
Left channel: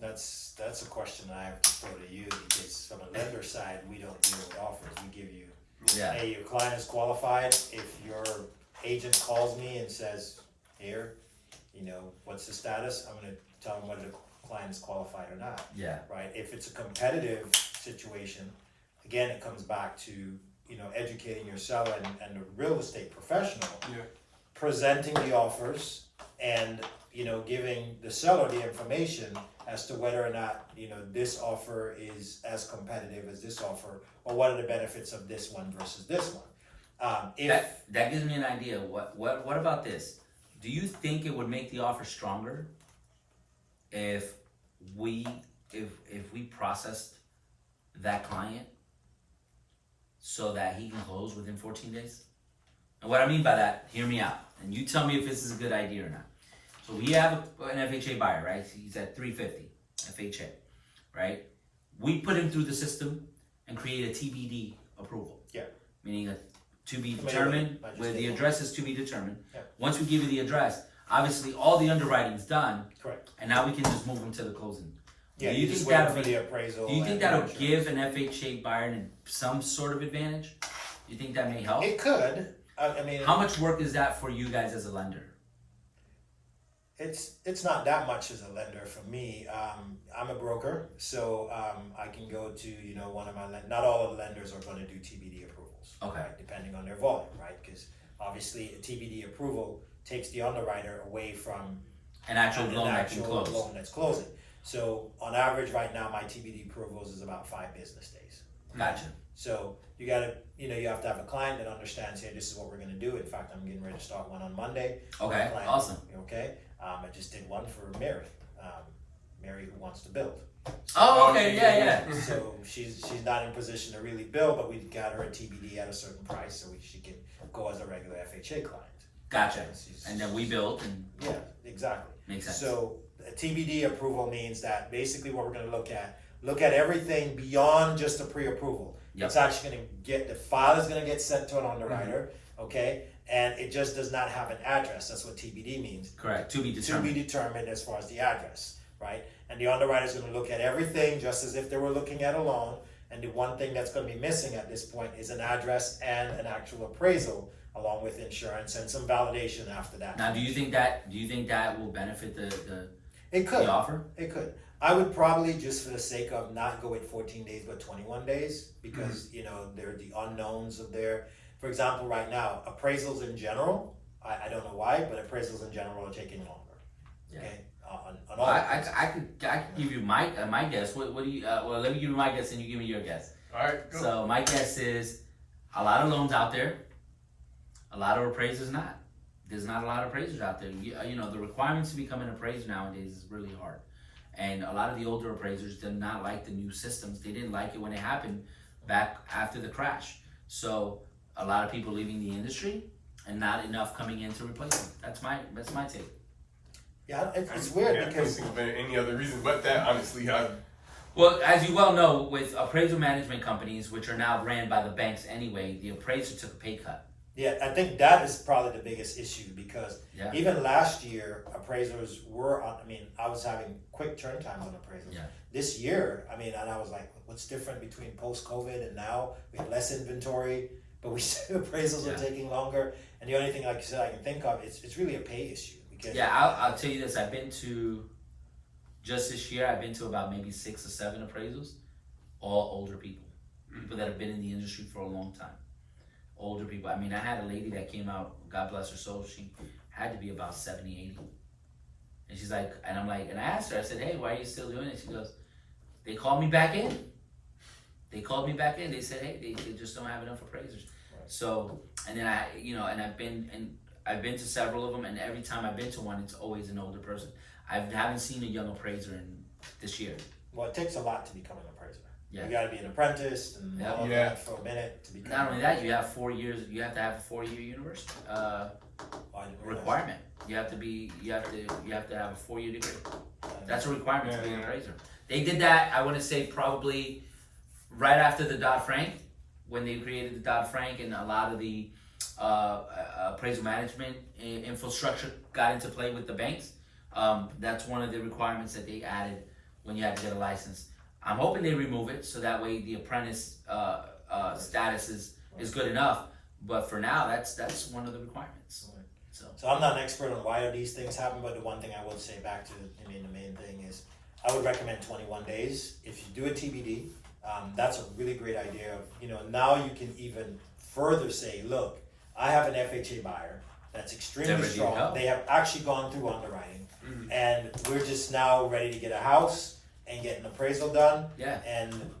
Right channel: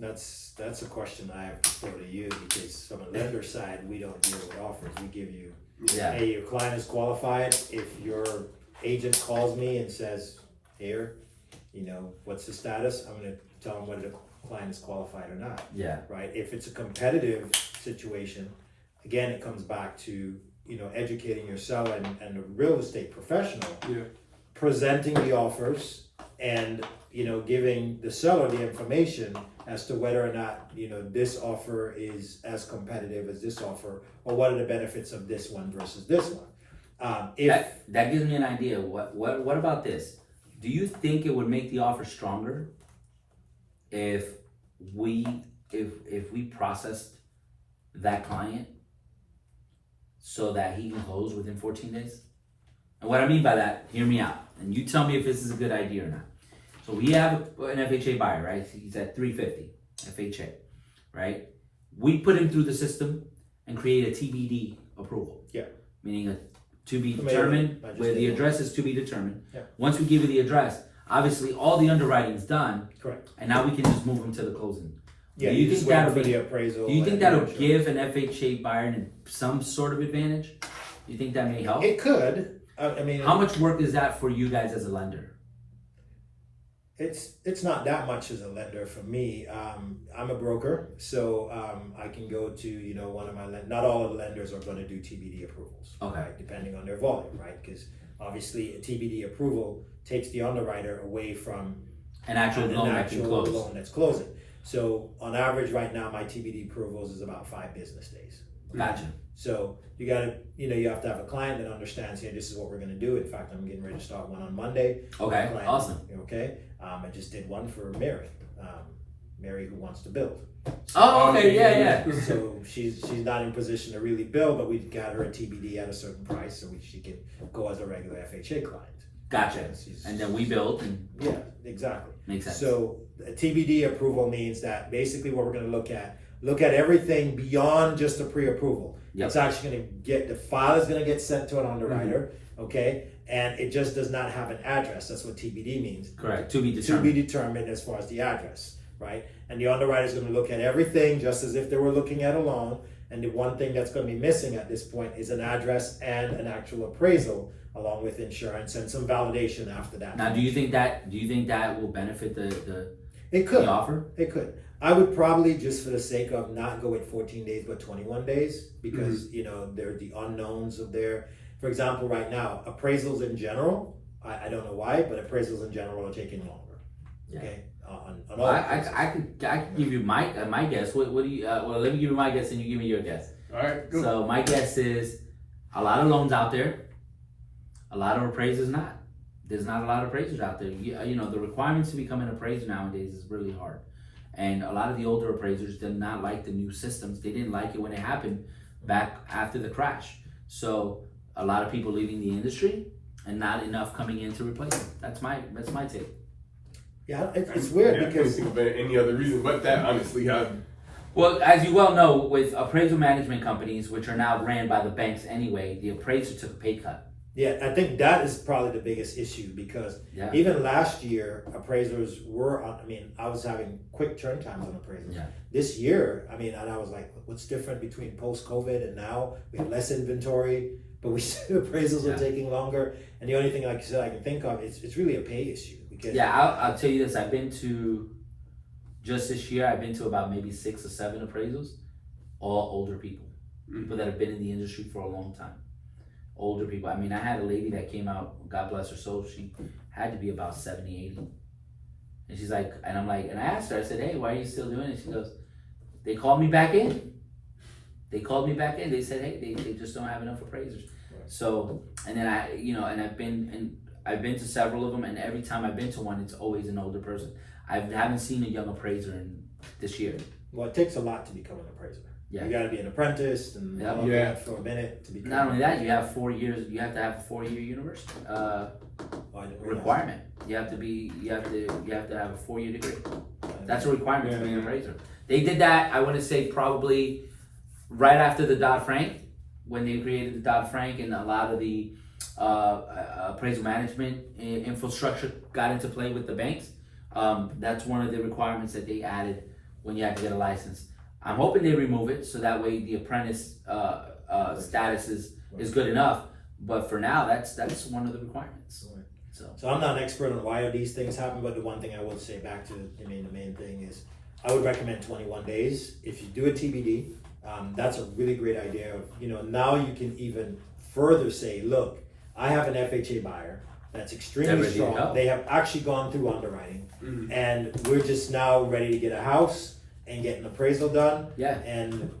That's a question I have to throw to you, because from a lender side, we don't deal with offers. We give you, hey, your client is qualified. If your agent calls me and says, here, what's the status? I'm going to tell them whether the client is qualified or not. Yeah. Right? If it's a competitive situation, again, it comes back to, educating your seller and the real estate professional, presenting the offers and, giving the seller the information as to whether or not, this offer is as competitive as this offer, or what are the benefits of this one versus this one. That gives me an idea. What about this? Do you think it would make the offer stronger if we processed that client so that he can close within 14 days? And what I mean by that, hear me out, and you tell me if this is a good idea or not. So we have an FHA buyer, right? He's at 350 FHA, right? We put him through the system and create a TBD approval. Yeah. Meaning a to be determined, where the address is to be determined. Yeah. Once we give you the address, obviously all the underwriting's done. Correct. And now we can just move him to the closing. Yeah, do you think that'll be the appraisal? Do you think that'll give an FHA buyer some sort of advantage? Do you think that may help? It could. I mean, how much work is that for you guys as a lender? It's not that much as a lender for me. I'm a broker, so I can go to one of my not all of the lenders are going to do TBD approvals. Okay. Right, depending on their volume, right? Because obviously a TBD approval takes the underwriter away from an actual loan that can close. Loan that's closing. So on average, right now, my TBD approvals is about 5 business days. Gotcha. So you got to, you have to have a client that understands, here, this is what we're going to do. In fact, I'm getting ready to start one on Monday. Okay, awesome. Okay. I just did one for Mary. Mary who wants to build. So, okay, yeah. So she's not in a position to really build, but we got her a TBD at a certain price so she can go as a regular FHA client. Gotcha. And then we build. Yeah, exactly. Makes sense. So a TBD approval means that basically what we're going to look at everything beyond just a pre-approval. Yep. It's actually going to get, the file is going to get sent to an underwriter, okay? And it just does not have an address. That's what TBD means. Correct. To be determined. To be determined as far as the address, right? And the underwriter is going to look at everything just as if they were looking at a loan. And the one thing that's going to be missing at this point is an address and an actual appraisal, along with insurance and some validation after that. Now, do you think that will benefit the offer? It could. I would probably, just for the sake of not go with 14 days, but 21 days, because there are the unknowns of their. For example, right now, appraisals in general, I don't know why, but appraisals in general are taking longer. Yeah. Okay. On all I could give you my guess. What do you? Well, let me give you my guess, and you give me your guess. All right. Go. So my guess is a lot of loans out there, a lot of appraisers not. There's not a lot of appraisers out there. The requirements to become an appraiser nowadays is really hard. And a lot of the older appraisers did not like the new systems. They didn't like it when it happened back after the crash. So a lot of people leaving the industry and not enough coming in to replace them. That's my take. Yeah, it's weird because I can't think of any other reason but that, honestly. Well, as you well know, with appraisal management companies, which are now ran by the banks anyway, the appraiser took a pay cut. Yeah, I think that is probably the biggest issue because Yeah. even last year, appraisers were on. I mean, I was having quick turn times on appraisers. Yeah. This year, I mean, and I was like, what's different between post-COVID and now? We have less inventory, but we still appraisals are taking longer. And the only thing, like you said, I can think of, it's really a pay issue. Because Yeah, I'll tell you this. I've been to, just this year, I've been to about maybe 6 or 7 appraisals, all older people. People that have been in the industry for a long time. Older people. I mean, I had a lady that came out, God bless her soul, she had to be about 70, 80. And she's like, and I'm like, and I asked her, I said, hey, why are you still doing it? She goes, they called me back in. They called me back in. They said, hey, they just don't have enough appraisers. So, and then and I've been to several of them, and every time I've been to one, it's always an older person. I haven't seen a young appraiser in this year. Well, it takes a lot to become an appraiser. Yeah. You got to be an apprentice and all of that for a minute to become. Not only that, you have 4 years. You have to have a 4-year university requirement. You have to have a 4-year degree. That's a requirement to be an appraiser. They did that. I want to say probably right after the Dodd-Frank, when they created the Dodd-Frank and a lot of the appraisal management infrastructure got into play with the banks. That's one of the requirements that they added when you had to get a license. I'm hoping they remove it so that way the apprentice status is good enough. But for now, that's one of the requirements. So I'm not an expert on why these things happen, but the one thing I would say back to, the main thing is, I would recommend 21 days. If you do a TBD, that's a really great idea. Now you can even further say, look, I have an FHA buyer that's extremely strong. They have actually gone through underwriting, and we're just now ready to get a house and get an appraisal done. Yeah. And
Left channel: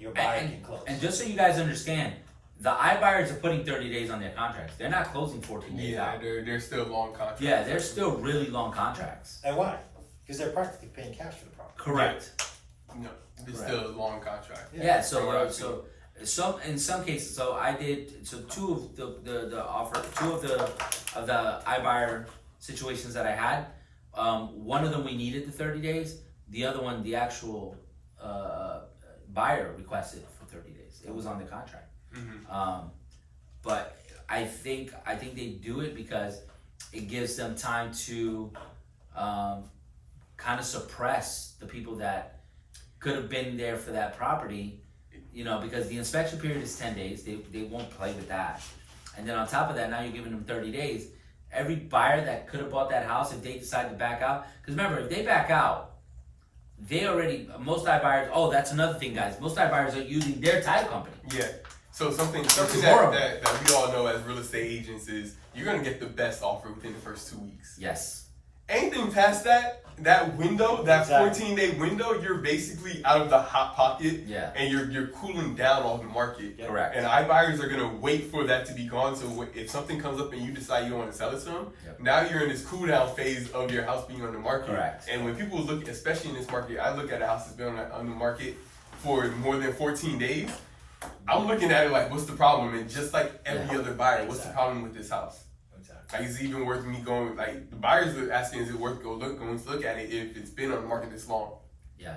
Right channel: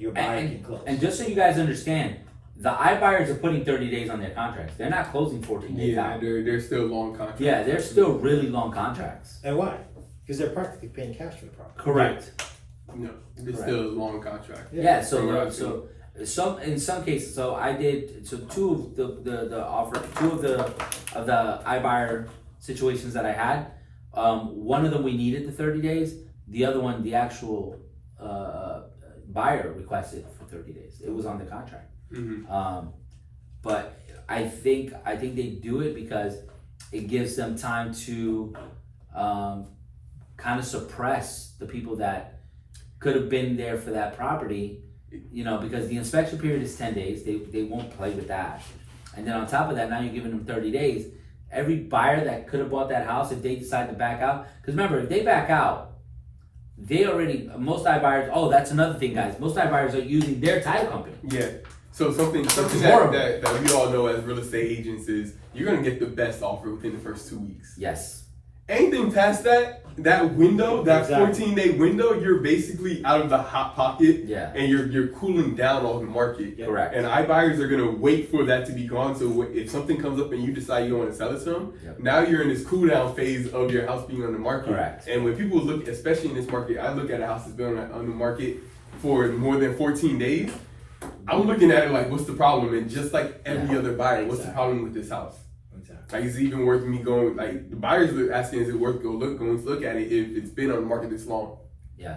your buyer can close. And just so you guys understand, the iBuyers are putting 30 days on their contracts. They're not closing 14 days out. They're still long contracts. Yeah, they're still really long contracts. And why? Because they're practically paying cash for the property. Correct. No, it's still a long contract. Yeah, so in some cases, so I did two of the iBuyer situations that I had. One of them we needed the 30 days. The other one, the actual buyer requested for 30 days. It was on the contract. But I think they do it because it gives them time to kind of suppress the people that could have been there for that property, because the inspection period is 10 days. They won't play with that. And then on top of that, now you're giving them 30 days. Every buyer that could have bought that house, if they decide to back out, because remember, if they back out, most iBuyers, that's another thing, guys. Most iBuyers are using their title company. Yeah. So something that we all know as real estate agents is you're gonna get the best offer within the first 2 weeks. Yes. Anything past that window, that 14-day window, you're basically out of the hot pocket. Yeah. And you're cooling down on the market. Correct. And iBuyers are gonna wait for that to be gone. So if something comes up and you decide you don't want to sell it to them, now you're in this cool down phase of your house being on the market. Correct. And when people look, especially in this market, I look at a house that's been on the market for more than 14 days. I'm looking at it like, what's the problem? And just like every other buyer, what's the problem with this house? Like, is it even worth me going? Like, the buyers are asking, is it worth going to look at it if it's been on the market this long? Yeah.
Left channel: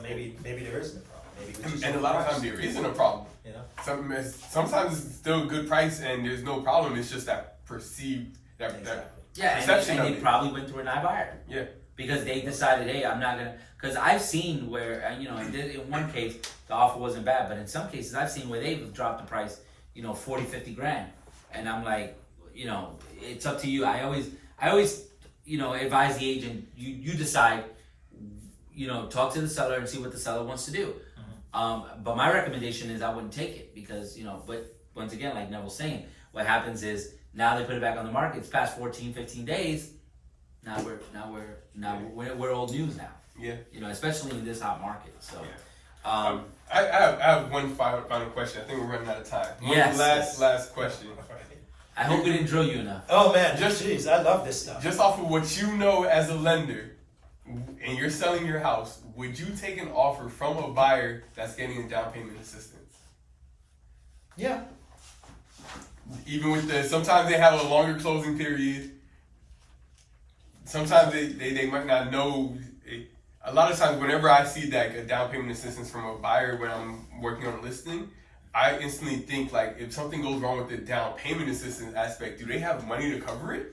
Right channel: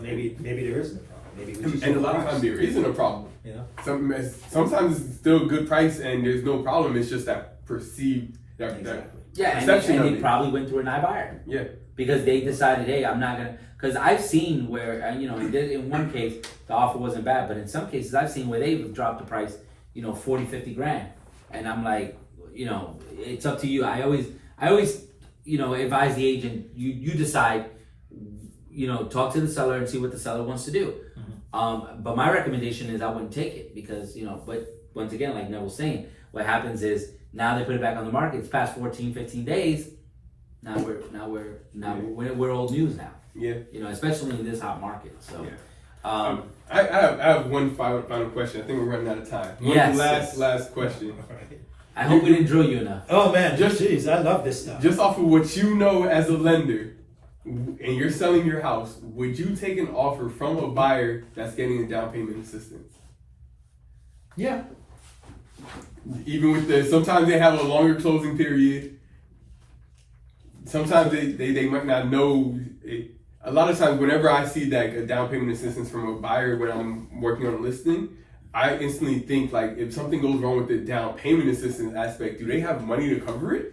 Maybe there isn't a problem. And a lot of times there isn't a problem. Sometimes it's still a good price and there's no problem. It's just that perceived perception and of they it. probably went through an iBuyer. Yeah. Because they decided, hey, I'm not gonna. Because I've seen where in one case the offer wasn't bad, but in some cases I've seen where they've dropped the price, 40, 50 grand, and I'm like, it's up to you. I always advise the agent. You decide. Talk to the seller and see what the seller wants to do. But my recommendation is I wouldn't take it because But once again, like Neville's saying, what happens is now they put it back on the market. It's past 14, 15 days. Now we're old news now. Yeah. Especially in this hot market. So. Yeah. I have one final question. I think we're running out of time. Last question. I hope we didn't drill you enough. Oh man, jeez, I love this stuff. Just off of what you know as a lender, and you're selling your house, would you take an offer from a buyer that's getting a down payment assistance? Yeah. Even with sometimes they have a longer closing period. Sometimes they might not know. A lot of times, whenever I see that a down payment assistance from a buyer when I'm working on a listing, I instantly think like if something goes wrong with the down payment assistance aspect, do they have money to cover it?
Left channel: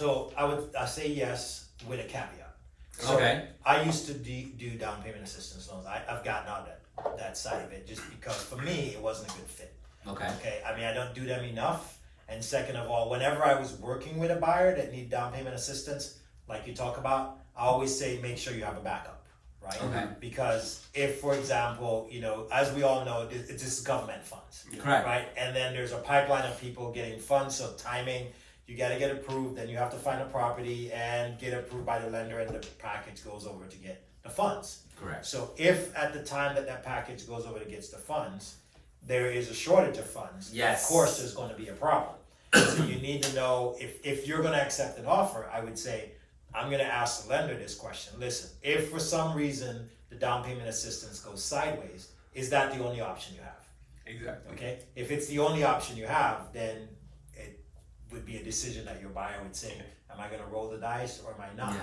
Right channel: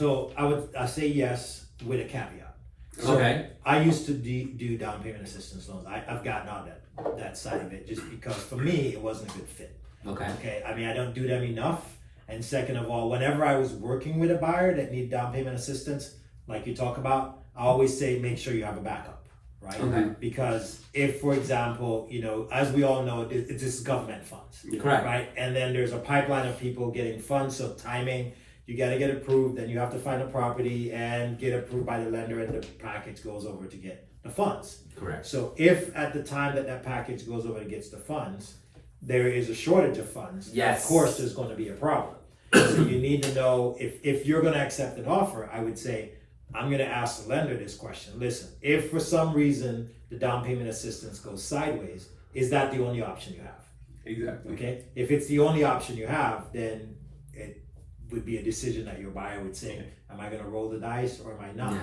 So I say yes with a caveat. So Okay. I used to do down payment assistance loans. I've gotten out of that side of it just because for me it wasn't a good fit. Okay. Okay, I mean I don't do them enough. And second of all, whenever I was working with a buyer that need down payment assistance, like you talk about, I always say make sure you have a backup, right? Okay. Because if, for example, you know, as we all know, this is government funds, Correct. right? And then there's a pipeline of people getting funds, so timing, you got to get approved, then you have to find a property and get approved by the lender, and the package goes over to get the funds. Correct. So if at the time that package goes over and gets the funds, there is a shortage of funds, Yes. of course there's going to be a problem. So you need to know if you're going to accept an offer, I would say, I'm going to ask the lender this question. Listen, if for some reason the down payment assistance goes sideways, is that the only option you have? Exactly. Okay. If it's the only option you have, then it would be a decision that your buyer would say, am I going to roll the dice or am I not? Yeah.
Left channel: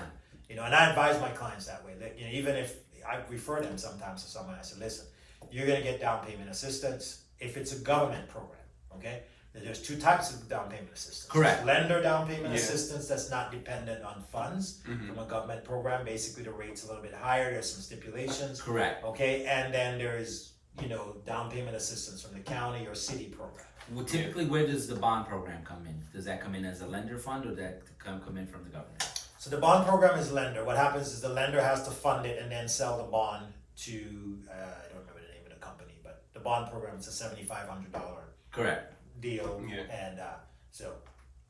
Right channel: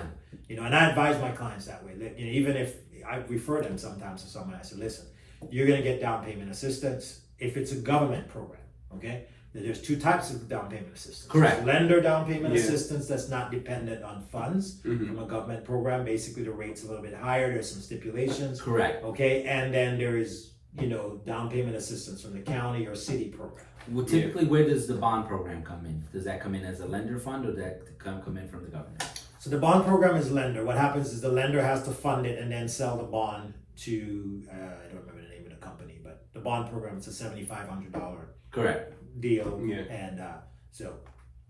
You know, and I advise my clients that way. That, you know, even if I refer them sometimes to someone, I say, listen, you're going to get down payment assistance if it's a government program. Okay. There's two types of down payment assistance. Correct. Lender down payment Yeah. assistance that's not dependent on funds from a government program. Basically, the rate's a little bit higher. There's some stipulations. Correct. Okay, and then there's, you know, down payment assistance from the county or city program. Well, typically, where does the bond program come in? Does that come in as a lender fund, or does that come in from the government? So the bond program is lender. What happens is the lender has to fund it and then sell the bond to, I don't remember the name of the company, but the bond program is a $7,500 Correct. deal. Yeah. And so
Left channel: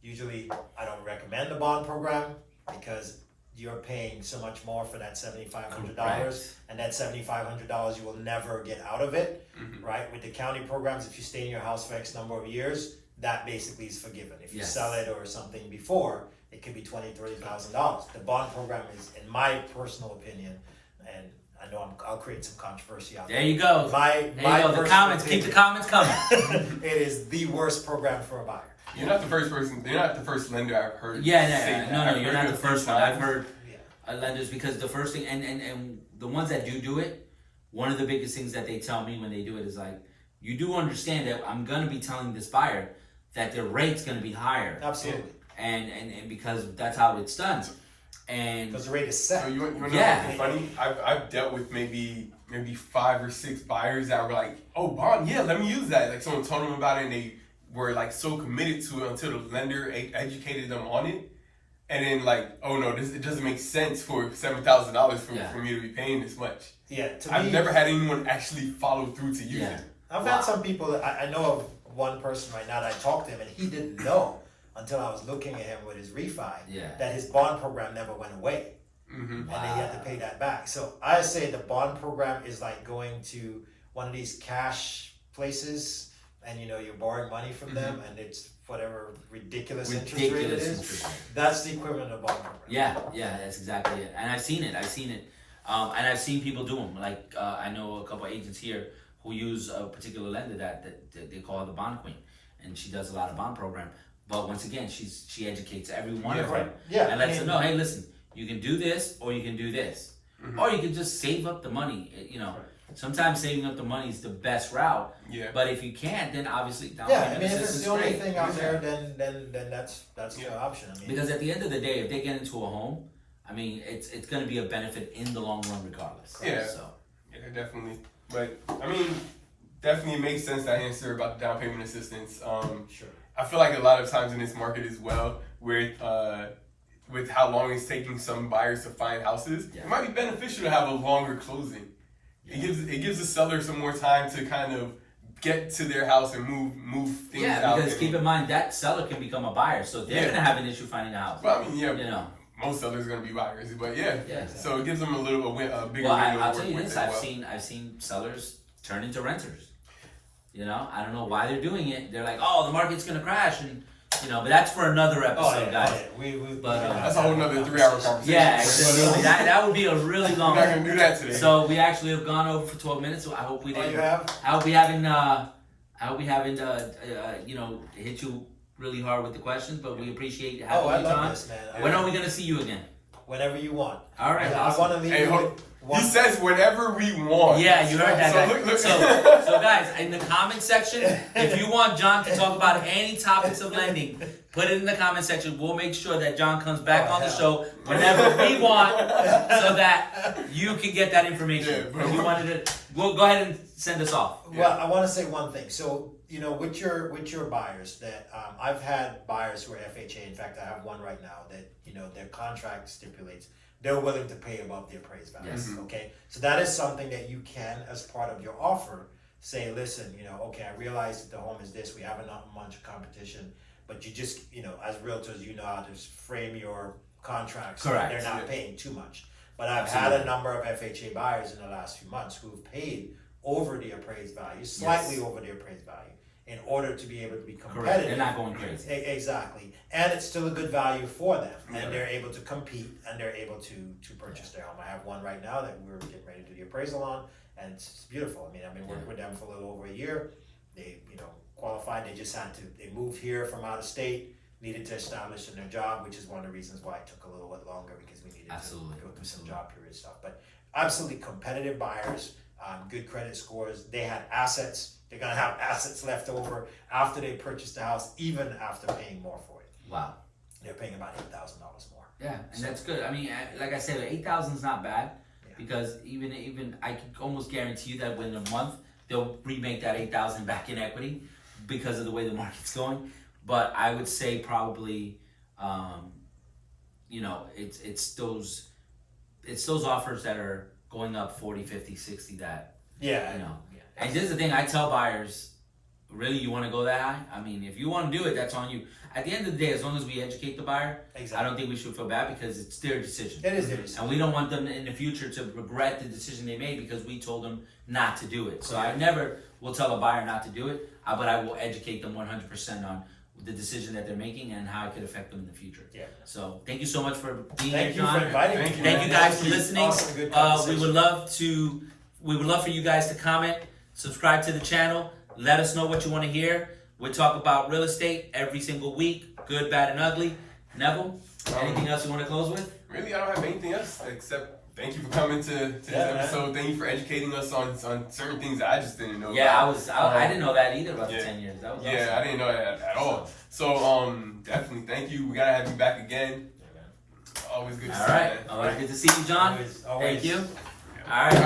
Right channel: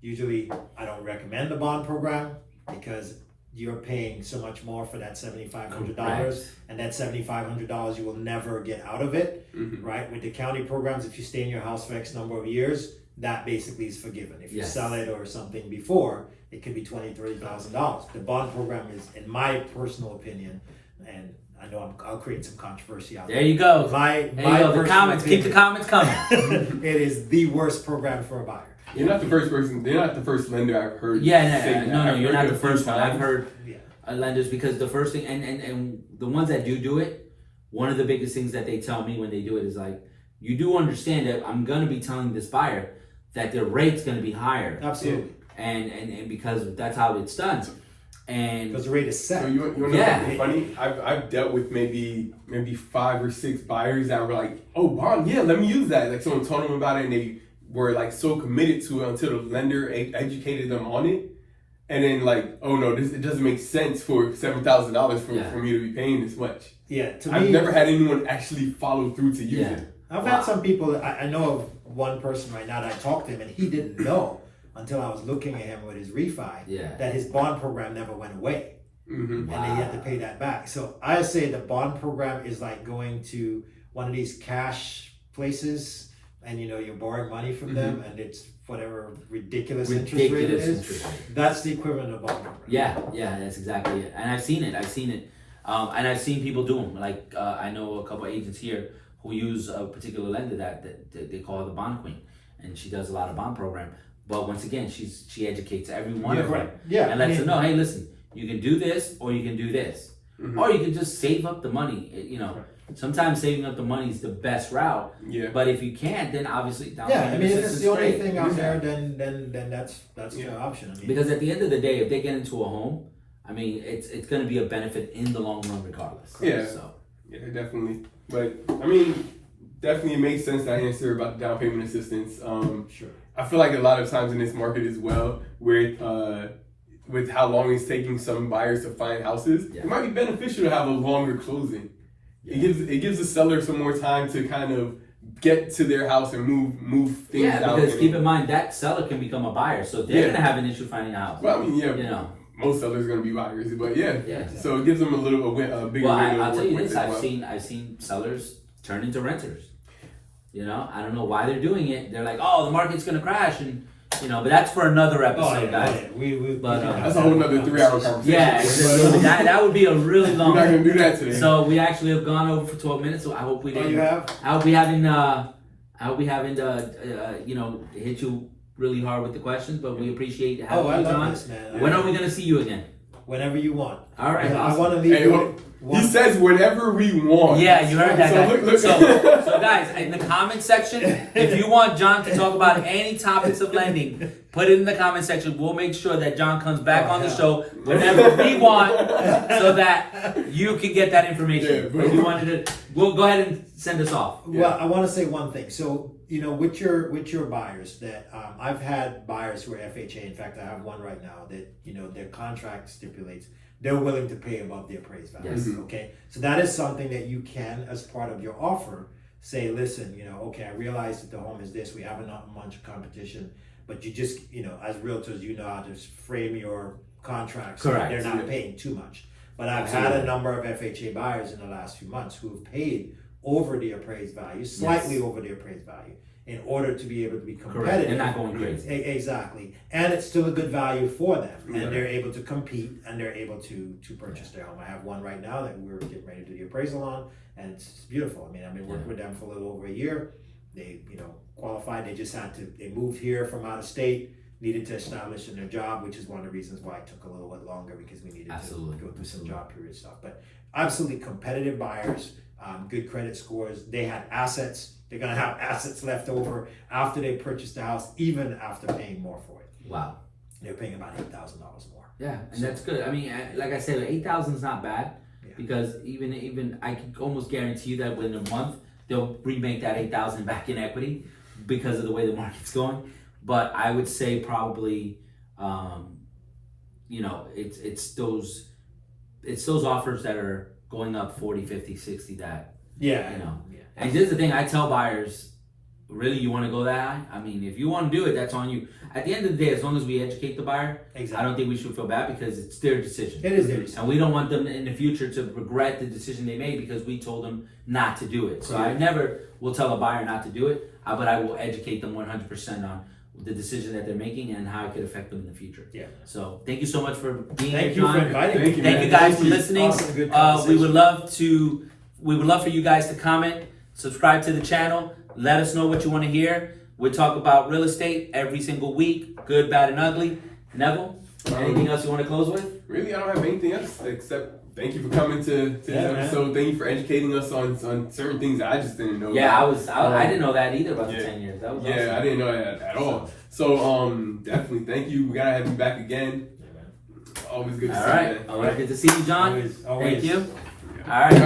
usually I don't recommend the bond program because you're paying so much more for that $7,500, Correct. and that $7,500 you will never get out of it, right? With the county programs, if you stay in your house for X number of years, that basically is forgiven. If you Yes. sell it or something before, it could be $20,000, $30,000. The bond program is, in my personal opinion, and I know I'll create some controversy out There you go. My There you go. The personal comments. Keep the opinion, comments coming. it is the worst program for a buyer. You're not the first person. You're not the first lender I've heard. Yeah, say that. no, I've you're heard not it the a few first one. I've times. heard Yeah. lenders, because the first thing, and the ones that do it, one of the biggest things that they tell me when they do it is like, you do understand that I'm gonna be telling this buyer that their rate's gonna be higher, Absolutely. and because that's how it's done, and Because the rate is set. So you want to know Yeah. something funny? I've dealt with maybe 5 or 6 buyers that were like, oh, bond, yeah, let me use that. Like someone told them about it and they were like so committed to it until the lender educated them on it. And then like, oh no, it doesn't make sense for $7,000 for me to be paying this much. Yeah, to I've me, never had anyone actually follow through to use Yeah. it. I've had some people, I know of one person right now that I talked to him and he didn't know until I was looking at him with his refi Yeah. that his bond program never went away. Mm-hmm. And then he had to pay that back. So I say the bond program is like going to one of these cash places and you know you're borrowing money from them and it's whatever ridiculous interest rate it ridiculous is. interest rate. That's the equivalent of bond program. Yeah, that's exactly it. And I've seen it. And I've seen people do them. Like I know a couple agents here who use a particular lender that they call her the bond queen, and she does a lot of bond program. But once again, she educates every one of them, right. Yeah, and lets them know, hey, listen, you can do this or you can do this, or you can just save up the money. You know, sometimes saving up the money is the best route. Yeah. But if you can't, then obviously down Yeah, I payment mean if it's assistance the only is great. thing out there then that's the option. I mean, Because at the end of the day, if they get into a home, I mean, it's going to be a benefit in the long run, regardless. Yeah. So Yeah, definitely. But I mean, definitely it makes sense that answer about the down payment assistance. sure. I feel like a lot of times in this market as well, with how long it's taking some buyers to find houses, it might be beneficial to have a longer closing. Yeah. It gives the seller some more time to kind of get to their house and move things out. because keep in mind that seller can become a buyer, so they're going to have an issue finding a house. Well, I mean, yeah, You know. most sellers are going to be buyers, but yeah. Yeah. So it gives them a bigger Well, window to I'll tell work you with this: as well. I've seen sellers turn into renters. You know, I don't know why they're doing it. They're like, oh, the market's going to crash, and you know, but that's for another episode, guys. That's a whole nother 3-hour conversation. Yeah, exactly. that would be a really long. We're not going to do that today. So we actually have gone over for 12 minutes. So I hope we didn't. you have? I hope we haven't. You know, hit you really hard with the questions, but we appreciate having I you, love John. this, man. When are we going to see you again? whenever you want. All right, I awesome. want to leave Hey, you he says whenever we want. Yeah, you heard that, So guys. look- So guys, in the comment section, if you want John to talk about any topics of lending, put it in the comment section. We'll make sure that John comes back on the show whenever we want, so that you can get that information. Yeah, If you wanted to, we'll go ahead and send us off. Well, I want to say one thing. So, you know, with your buyers, that I've had buyers who are FHA. In fact, I have one right now that, you know, their contract stipulates they're willing to pay above the appraised value. Yes. Okay, so that is something that you can, as part of your offer, say, listen, you know, okay, I realize that the home is this. We have not much competition, but you just, you know, as realtors, you know how to frame your contracts. So that Correct. they're not paying too much. But I've had Absolutely. a number of FHA buyers in the last few months who've paid over the appraised value, slightly over the appraised value, in order to be able to be competitive. Correct. They're not going crazy. Exactly. And it's still a good value for them. Yeah. And they're able to compete and they're able to purchase their home. I have one right now that we're getting ready to do the appraisal on, and it's beautiful. I mean, I've been working with them for a little over a year. They, you know, qualified. They just had to, they moved here from out of state, needed to establish in their job, which is one of the reasons why it took a little bit longer, because we needed Absolutely. to go through some job period stuff. But absolutely competitive buyers, good credit scores. They had assets. They're gonna have assets left over after they purchase the house, even after paying more for it. Wow. They're paying about $8,000 more. Yeah, and that's good. I mean, like I said, 8,000 is not bad, because even I can almost guarantee you that within a month they'll remake that 8,000 back in equity because of the way the market's going. But I would say probably, you know, it's those offers that are going up 40, 50, 60 that, Yeah. you know. And this is the thing I tell buyers, really, you want to go that high? I mean, if you want to do it, that's on you. At the end of the day, as long as we educate the buyer, Exactly. I don't think we should feel bad, because it's their decision. It is their decision. And we don't want them in the future to regret the decision they made because we told them not to do it. So I never will tell a buyer not to do it, but I will educate them 100% on the decision that they're making and how it could affect them in the future. Yeah. So thank you so much for being Thank here, you for John. inviting me. Thank you, Thank man. you guys Thank for you. listening. Awesome, good We conversation. would love for you guys to comment, subscribe to the channel, let us know what you want to hear. We talk about real estate every single week, good, bad, and ugly. Neville, anything else you want to close with? Really, I don't have anything else except thank you for coming to this episode. Thank you for educating us on certain things that I just didn't know. Yeah, about. I didn't know that either about the Yeah. 10 years. That was Yeah, awesome. I didn't know that at all. So definitely thank you. We gotta have you back again. Always good to All see you, right. man. Always good to see you, John. Always. Thank you. All right.